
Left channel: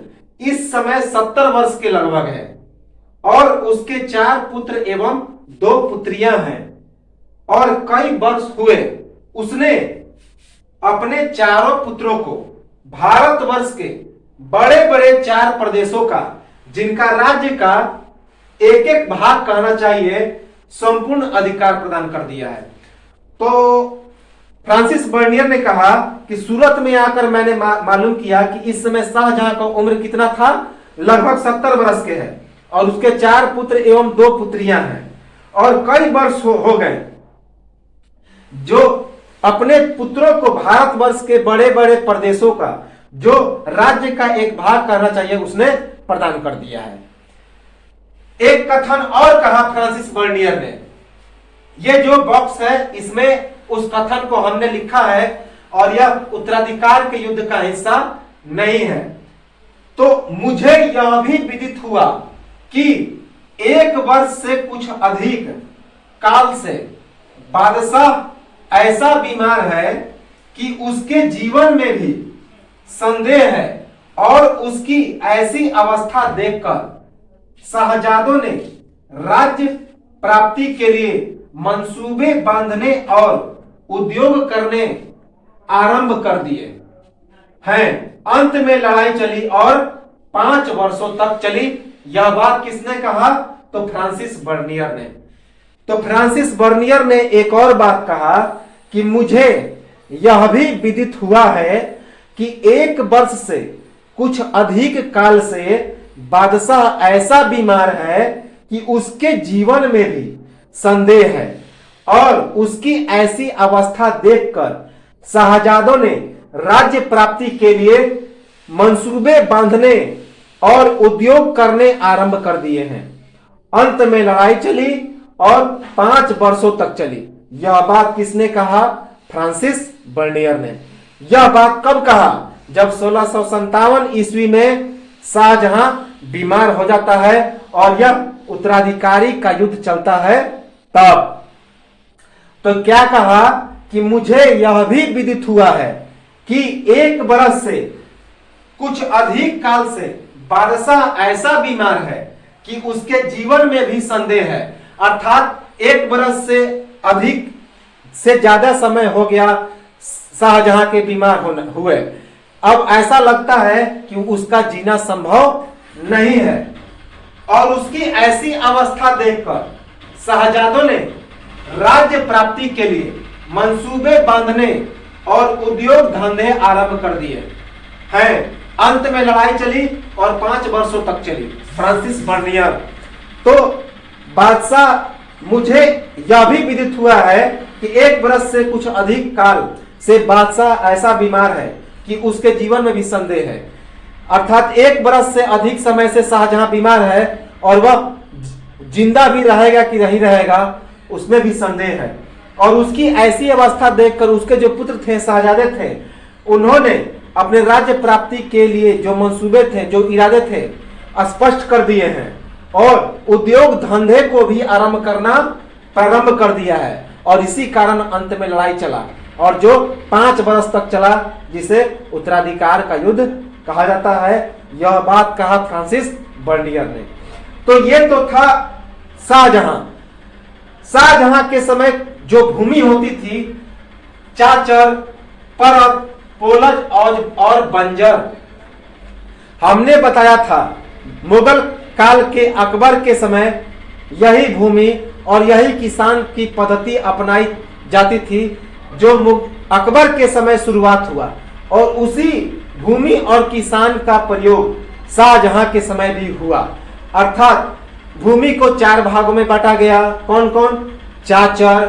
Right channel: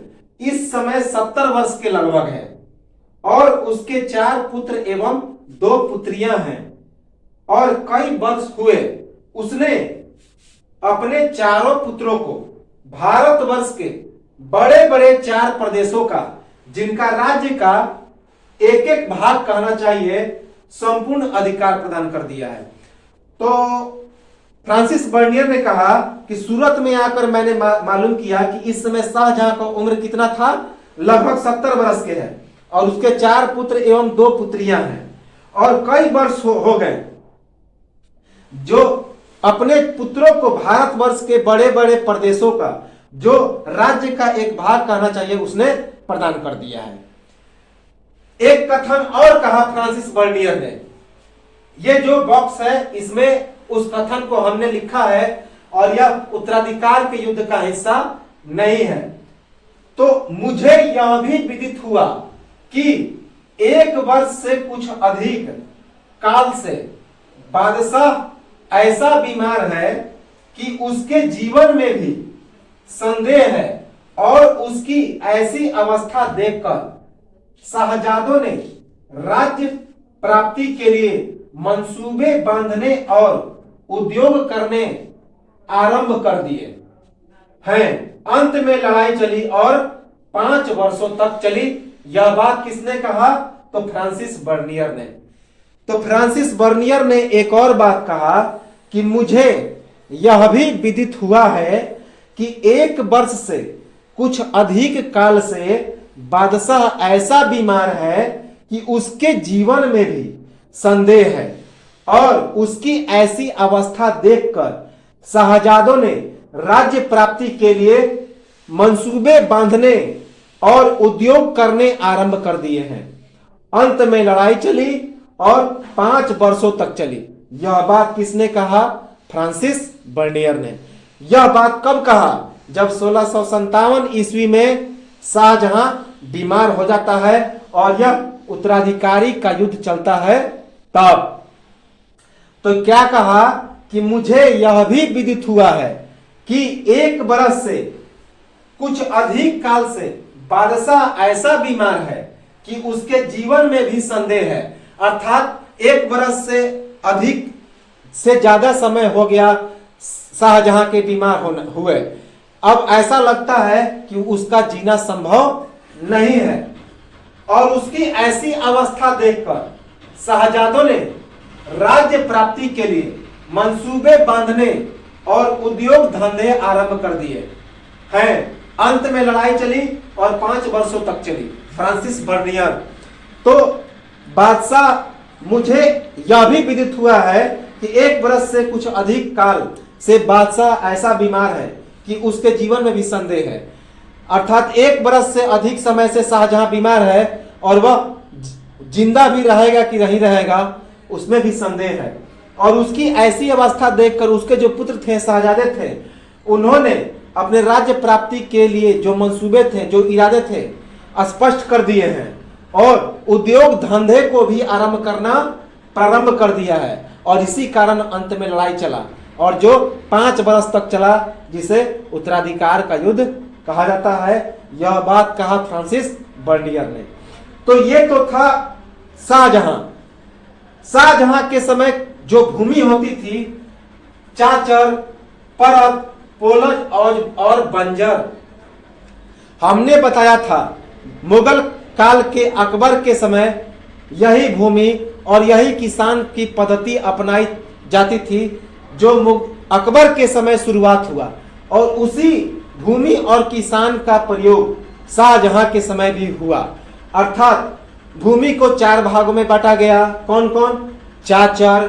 इस समय 70 वर्ष के लगभग है और उसके 4 पुत्र एवं 2 पुत्रियां हैं और कई वर्ष हुए उसने अपने चारों पुत्रों को भारतवर्ष के बड़े बड़े 4 प्रदेशों का, जिनका राज्य का एक एक भाग कहना चाहिए, संपूर्ण अधिकार प्रदान कर दिया है। तो फ्रांसिस बर्नियर ने कहा कि सूरत में आकर मैंने मालूम किया कि इस समय शाहजहां का उम्र कितना था, लगभग 70 वर्ष के है और उसके 4 पुत्र एवं 2 पुत्रियां हैं और कई वर्ष हो गए जो अपने पुत्रों को भारतवर्ष के बड़े बड़े प्रदेशों का, जो राज्य का एक भाग कहना चाहिए, उसने प्रदान कर दिया है। एक कथन और कहा फ्रांसिस बर्नियर ने, ये जो बॉक्स है इसमें उस कथन को हमने लिखा है और यह उत्तराधिकार के युद्ध का हिस्सा नहीं है। तो मुझे यह भी विदित हुआ कि 1 वर्ष से कुछ अधिक काल से बादशाह ऐसा बीमार है कि उसके जीवन में भी संदेह है और उसकी ऐसी अवस्था देखकर शाहजादों ने राज्य प्राप्ति के लिए मंसूबे बांधने और उद्योग करने आरंभ कर दिए हैं। अंत में लड़ाई चली और 5 वर्षों तक चली। यह बात किसने कहा? तो फ्रांसिस बर्नियर ने। तो फ्रांसिस बर्नियर ने एक और बात कहा कि मुझे यह भी विदित हुआ है कि 1 वर्ष से कुछ अधिक काल से बादशाह ऐसा बीमार है कि उसके जीवन में भी संदेह है और उसकी ऐसी अवस्था देखकर शाहजादों ने राज्य प्राप्ति के लिए मंसूबे बांधने और उद्योग करने आरंभ कर दिए हैं। अंत में लड़ाई चली और 5 वर्षों तक चली। यह बात किसने कहा? फ्रांसिस बर्नियर ने। यह बात कब कहा? जब 1657 ईस्वी में शाहजहां बीमार हो जाता है और यह उत्तराधिकारी का युद्ध चलता है तब। तो क्या कहा कि मुझे यह भी विदित हुआ है कि 1 वर्ष से कुछ अधिक काल से बादशाह ऐसा बीमार है कि उसके जीवन में भी संदेह है। अर्थात 1 वर्ष से अधिक से ज्यादा समय हो गया शाहजहां के बीमार हुए। अब ऐसा लगता है कि उसका जीना संभव नहीं है और उसकी ऐसी अवस्था देखकर शाहजादों ने राज्य प्राप्ति के लिए मंसूबे बांधने और उद्योग धंधे आरंभ कर दिए हैं। अंत में लड़ाई चली और 5 वर्षों तक चली। Francis Bernier. तो बादशाह, मुझे यह भी विदित हुआ है कि 1 वर्ष से कुछ अधिक काल से बादशाह ऐसा बीमार है कि उसके जीवन में भी संदेह है। अर्थात 1 वर्ष से अधिक समय से शाहजहां बीमार है और वह जिंदा भी रहेगा कि नहीं रहेगा, उसमें भी संदेह है। और उसकी ऐसी अवस्था देखकर उसके जो पुत्र थे, शहजादे थे, उन्होंने अपने राज्य प्राप्ति के लिए जो मंसूबे थे, जो इरादे थे, स्पष्ट कर दिए हैं और उद्योग धंधे को भी आरंभ करना प्रारंभ कर दिया है। और इसी कारण अंत में लड़ाई चला और जो 5 वर्ष तक चला, जिसे उत्तराधिकार का युद्ध कहा जाता है। यह बात कहा फ्रांसिस बर्नियर ने। तो ये तो था शाहजहां। शाहजहां के समय जो भूमि होती थी, चाचर, परत, पोलज और बंजर। हमने बताया था मुगल काल के अकबर के समय यही भूमि और यही किसान की पद्धति अपनाई जाती थी जो अकबर के समय शुरुआत हुआ, और उसी भूमि और किसान का प्रयोग शाहजहां के समय भी हुआ। अर्थात भूमि को 4 भागों में बांटा गया। कौन कौन? चाचर,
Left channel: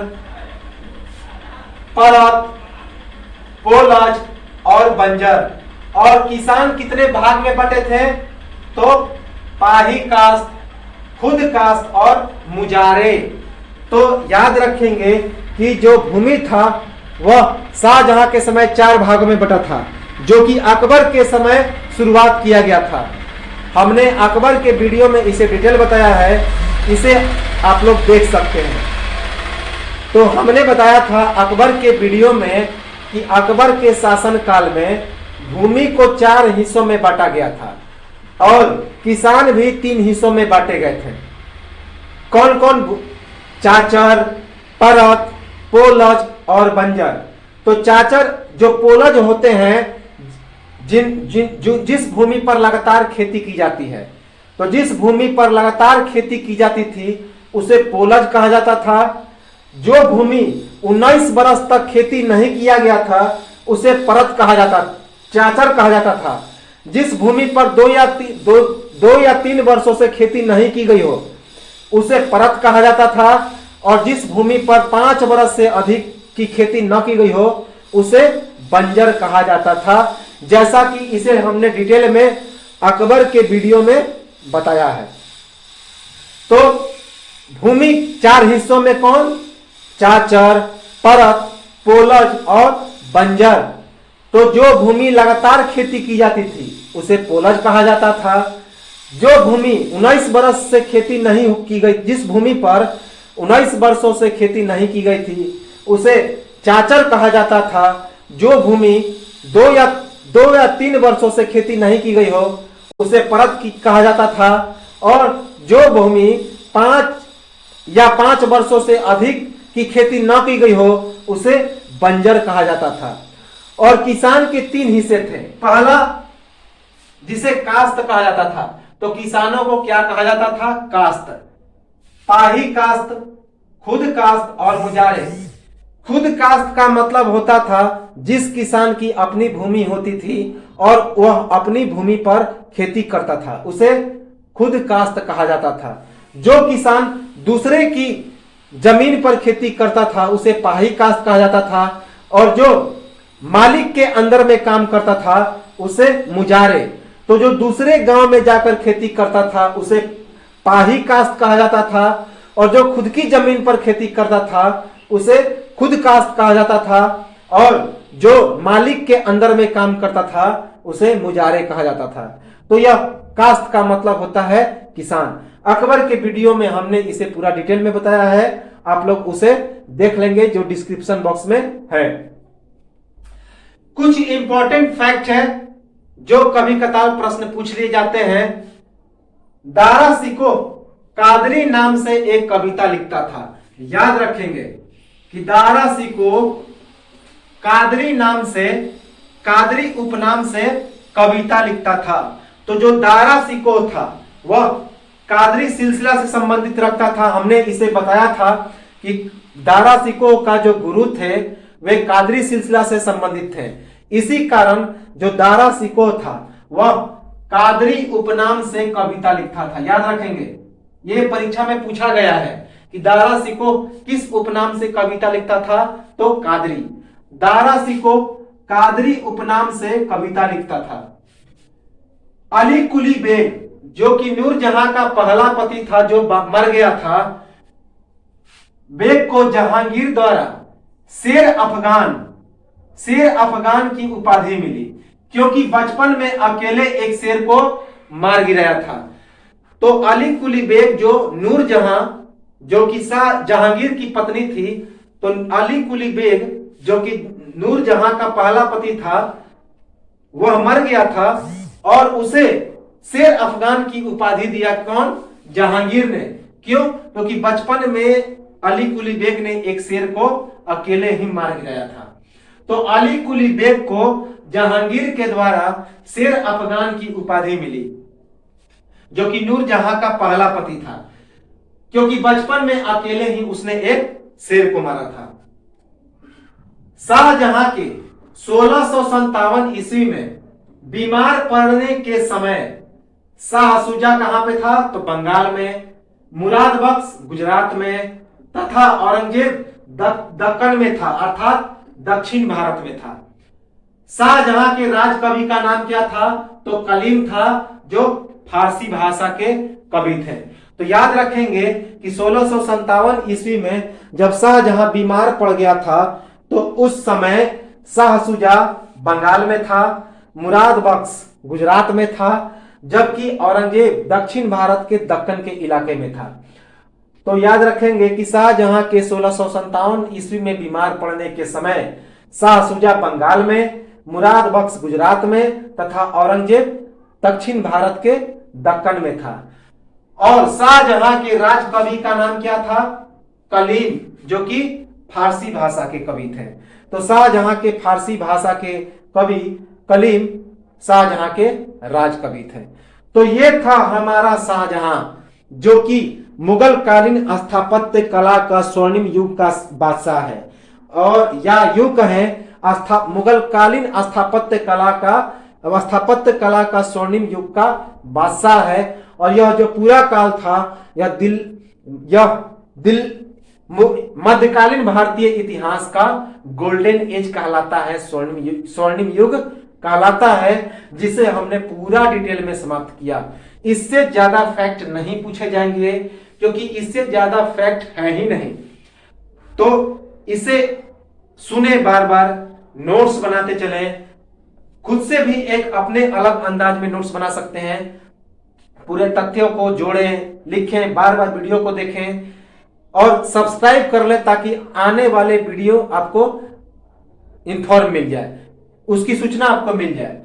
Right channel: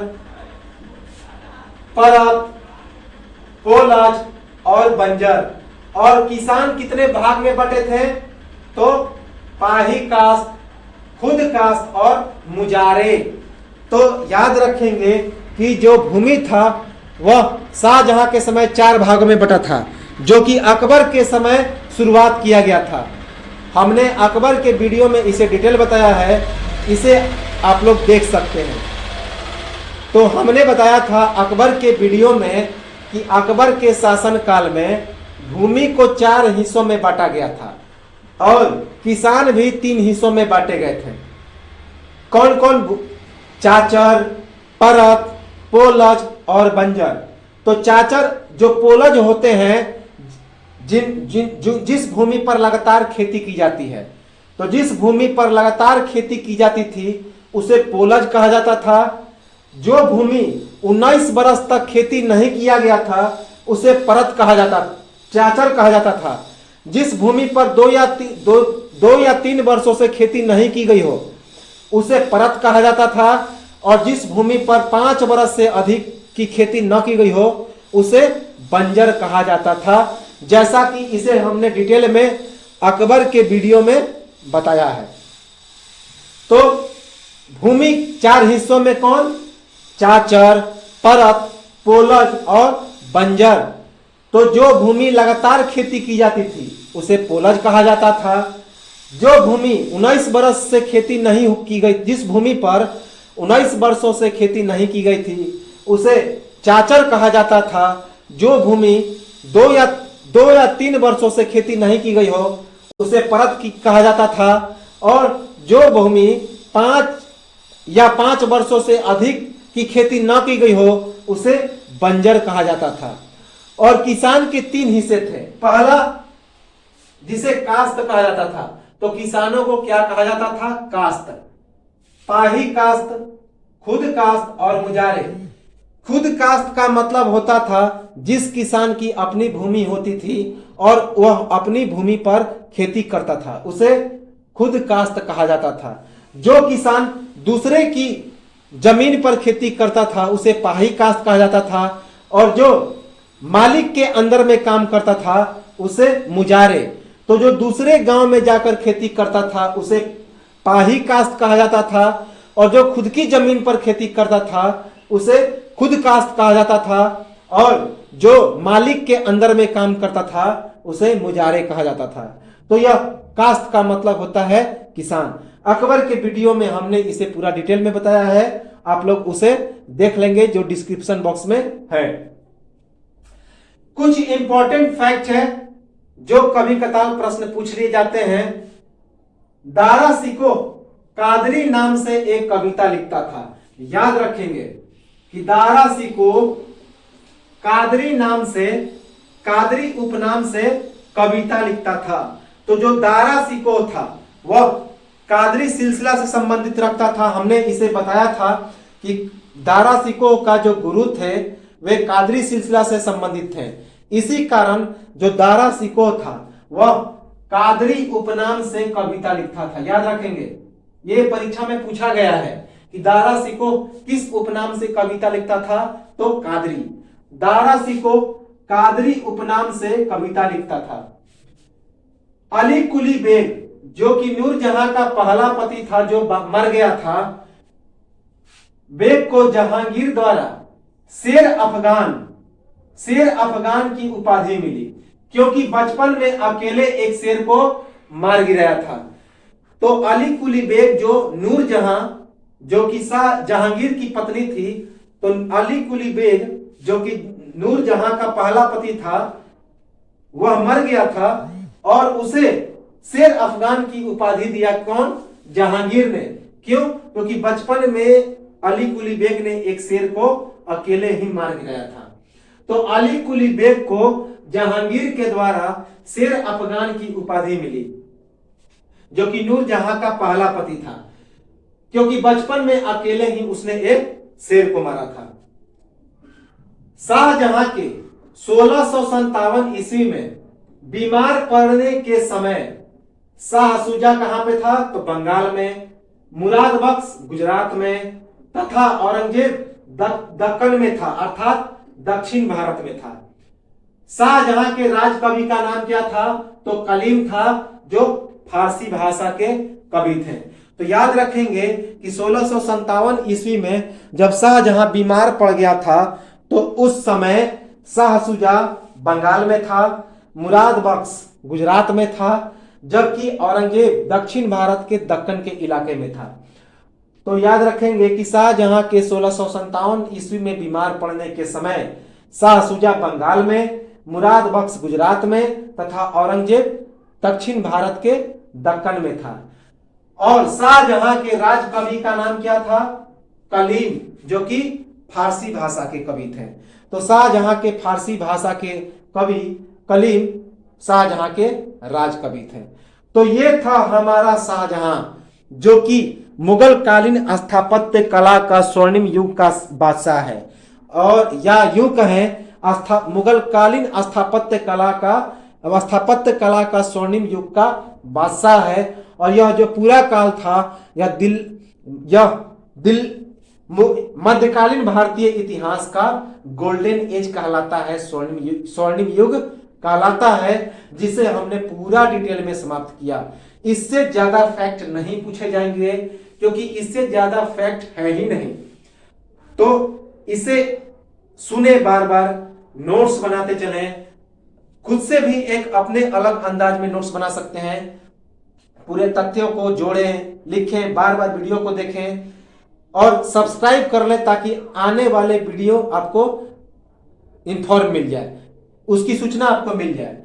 परत, पोलज और बंजर। और किसान कितने भाग में बटे थे? तो पाही कास्त, खुद कास्त और मुजारे। तो याद रखेंगे कि जो भूमि था वह शाहजहां के समय 4 भागों में बटा था, जो कि अकबर के समय शुरुआत किया गया था। हमने अकबर के वीडियो में इसे डिटेल बताया है, इसे आप लोग देख सकते हैं। तो हमने बताया था अकबर के वीडियो में कि अकबर के शासन काल में भूमि को 4 हिस्सों में बांटा गया था और किसान भी 3 हिस्सों में बांटे गए थे। कौन कौन? चाचर, परत, पोलज और बंजर। तो चाचर जो पोलज होते हैं, जिस भूमि पर लगातार खेती की जाती है, तो जिस भूमि पर लगातार खेती की जाती थी उसे पोलज कहा जाता था। जो भूमि 19 बरस तक खेती नहीं किया गया था उसे परत कहा जाता, चाचर कहा जाता था। जिस भूमि पर 2 या 3 वर्षों से खेती नहीं की गई हो उसे परत कहा जाता था, और जिस भूमि पर 5 वर्ष से अधिक की खेती न की गई हो उसे बंजर कहा जाता था, जैसा कि इसे हमने डिटेल में अकबर के वीडियो में बताया है। तो भूमि 4 हिस्सों में कौन? चाचर, परत, पोलज और बंजर। तो जो भूमि लगातार खेती की जाती थी उसे पोलज कहा जाता था। जो भूमि 19 वर्ष से खेती नहीं की गई, जिस भूमि पर 19 वर्षों से खेती नहीं की गई थी उसे चाचर कहा जाता था। जो भूमि 2 या 3 वर्षों से खेती नहीं की गई हो उसे परत कहा जाता था, और जो भूमि 5 या 5 वर्षों से अधिक की खेती न की गई हो उसे बंजर कहा जाता था। और किसान के 3 हिस्से थे। पहला जिसे कास्त कहा जाता था, तो किसानों को क्या कहा जाता था? कास्त। पाही कास्त, खुद कास्त और मुजारे। खुद कास्त का मतलब होता था जिस किसान की अपनी भूमि होती थी और वह अपनी भूमि पर खेती करता था उसे खुद कास्त कहा जाता था। जो किसान दूसरे की जमीन पर खेती करता था उसे पाही कास्त कहा जाता था, और जो मालिक के अंदर में काम करता था उसे मुजारे। तो जो दूसरे गांव में जाकर खेती करता था उसे पाही कास्त कहा जाता था, और जो खुद की जमीन पर खेती करता था उसे खुद कास्त कहा जाता था, और जो मालिक के अंदर में काम करता था उसे मुजारे कहा जाता था। तो यह कास्त का मतलब होता है किसान। अकबर के वीडियो में हमने इसे पूरा डिटेल में बताया है, आप लोग उसे देख लेंगे जो डिस्क्रिप्शन बॉक्स में है। कुछ इंपॉर्टेंट फैक्ट है जो कभी कतार प्रश्न पूछ लिए जाते हैं। दारा शिकोह कादरी नाम से एक कविता लिखता था। याद रखेंगे कि दारा शिकोह कादरी नाम से, कादरी उपनाम से कविता लिखता था। तो जो दारा शिकोह था वह कादरी सिलसिला से संबंधित रखता था। हमने इसे बताया था कि दारा शिकोह का जो गुरु थे वे कादरी सिलसिला से संबंधित थे। इसी कारण जो दारा शिकोह था वह कादरी उपनाम से कविता लिखता था। याद रखेंगे, ये परीक्षा में पूछा गया है कि दारा शिकोह किस उपनाम से कविता लिखता था, तो कादरी। दारा शिकोह कादरी उपनाम से कविता लिखता था। अली कुली बेग जो कि नूरजहां का पहला पति था जो मर गया था, बेग को जहांगीर द्वारा शेर अफगान की उपाधि मिली, क्योंकि बचपन में अकेले एक शेर को मार गिराया था। तो अली कुली बेग जो नूरजहां जो कि शाह जहांगीर की पत्नी थी, तो अली कुली बेग जो कि नूरजहां का पहला पति था वह मर गया था और उसे शेर अफगान की उपाधि दिया कौन? जहांगीर ने। क्यों? क्योंकि बचपन में अली कुली बेग ने एक शेर को अकेले ही मार गिराया था। तो अली कुली बेग को जहांगीर के द्वारा शेर अफगान की उपाधि मिली, जो कि नूरजहां का पहला पति था। क्योंकि बचपन में अकेले ही उसने एक शेर को मारा था। शाहजहां के 1657 ईस्वी में बीमार पड़ने के समय शाह शुजा कहां पे था? तो बंगाल में, मुराद बख्श गुजरात में तथा औरंगजेब दक्कन में था, अर्थात दक्षिण भारत में था। शाहजहां के राज कवि का नाम क्या था? तो कलीम था, जो फारसी भाषा के कवि थे। तो याद रखेंगे कि 1657 ईस्वी में जब शाहजहां बीमार पड़ गया था तो उस समय शाह शुजा बंगाल में था, मुराद बख्श गुजरात में था, जबकि औरंगजेब दक्षिण भारत के दक्कन के इलाके में था। तो याद रखेंगे कि शाहजहां के 1657 ईस्वी में बीमार पड़ने के समय शाह शुजा बंगाल में, मुराद बख्श गुजरात में तथा औरंगजेब दक्षिण भारत के दक्कन में था। और शाहजहां के राज कवि का नाम क्या था? कलीम, जो कि फारसी भाषा के कवि थे। तो शाहजहां के फारसी भाषा के कवि कलीम शाहजहां के राज कवि थे। तो ये था हमारा शाहजहां, जो कि मुगल कालीन स्थापत्य कला का स्वर्णिम युग का बादशाह है, और या यूं कहें मुगल कालीन स्थापत्य कला का स्वर्णिम युग का बादशाह है। और यह जो पूरा काल था यह मध्यकालीन भारतीय इतिहास का गोल्डन एज कहलाता है, स्वर्णिम युग कहलाता है, जिसे हमने पूरा डिटेल में समाप्त किया। इससे ज्यादा फैक्ट नहीं पूछे जाएंगे, क्योंकि इससे ज्यादा फैक्ट है ही नहीं। तो इसे सुने, बार बार नोट्स बनाते चलें, खुद से भी एक अपने अलग अंदाज में नोट्स बना सकते हैं। पूरे तथ्यों को जोड़ें, लिखें, बार बार वीडियो को देखें और सब्सक्राइब कर लें, ताकि आने वाले वीडियो आपको इंफॉर्म मिल जाए, उसकी सूचना आपको मिल जाए।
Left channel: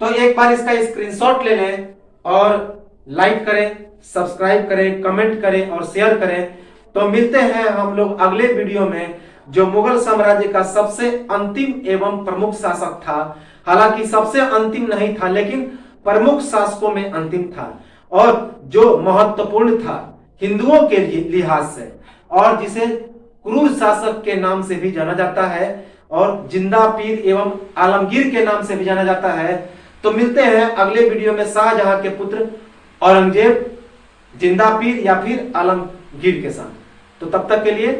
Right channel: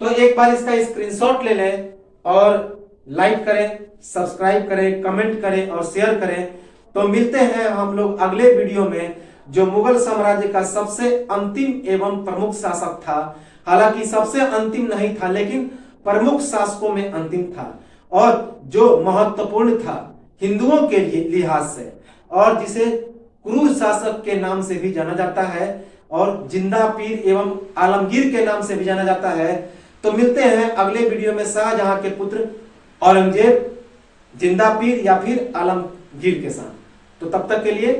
तो एक बार इसका स्क्रीनशॉट ले लें और लाइक करें, सब्सक्राइब करें, कमेंट करें और शेयर करें। तो मिलते हैं हम लोग अगले वीडियो में, जो मुगल साम्राज्य का सबसे अंतिम एवं प्रमुख शासक था। हालांकि सबसे अंतिम नहीं था, लेकिन प्रमुख शासकों में अंतिम था, और जो महत्वपूर्ण था हिंदुओं के लिहाज से, और जिसे क्रूर शासक के नाम से भी जाना जाता है, और जिंदा पीर एवं आलमगीर के नाम से भी जाना जाता है। तो मिलते हैं अगले वीडियो में शाहजहां के पुत्र औरंगजेब, जिंदा पीर या फिर आलमगीर के साथ। तो तब तक के लिए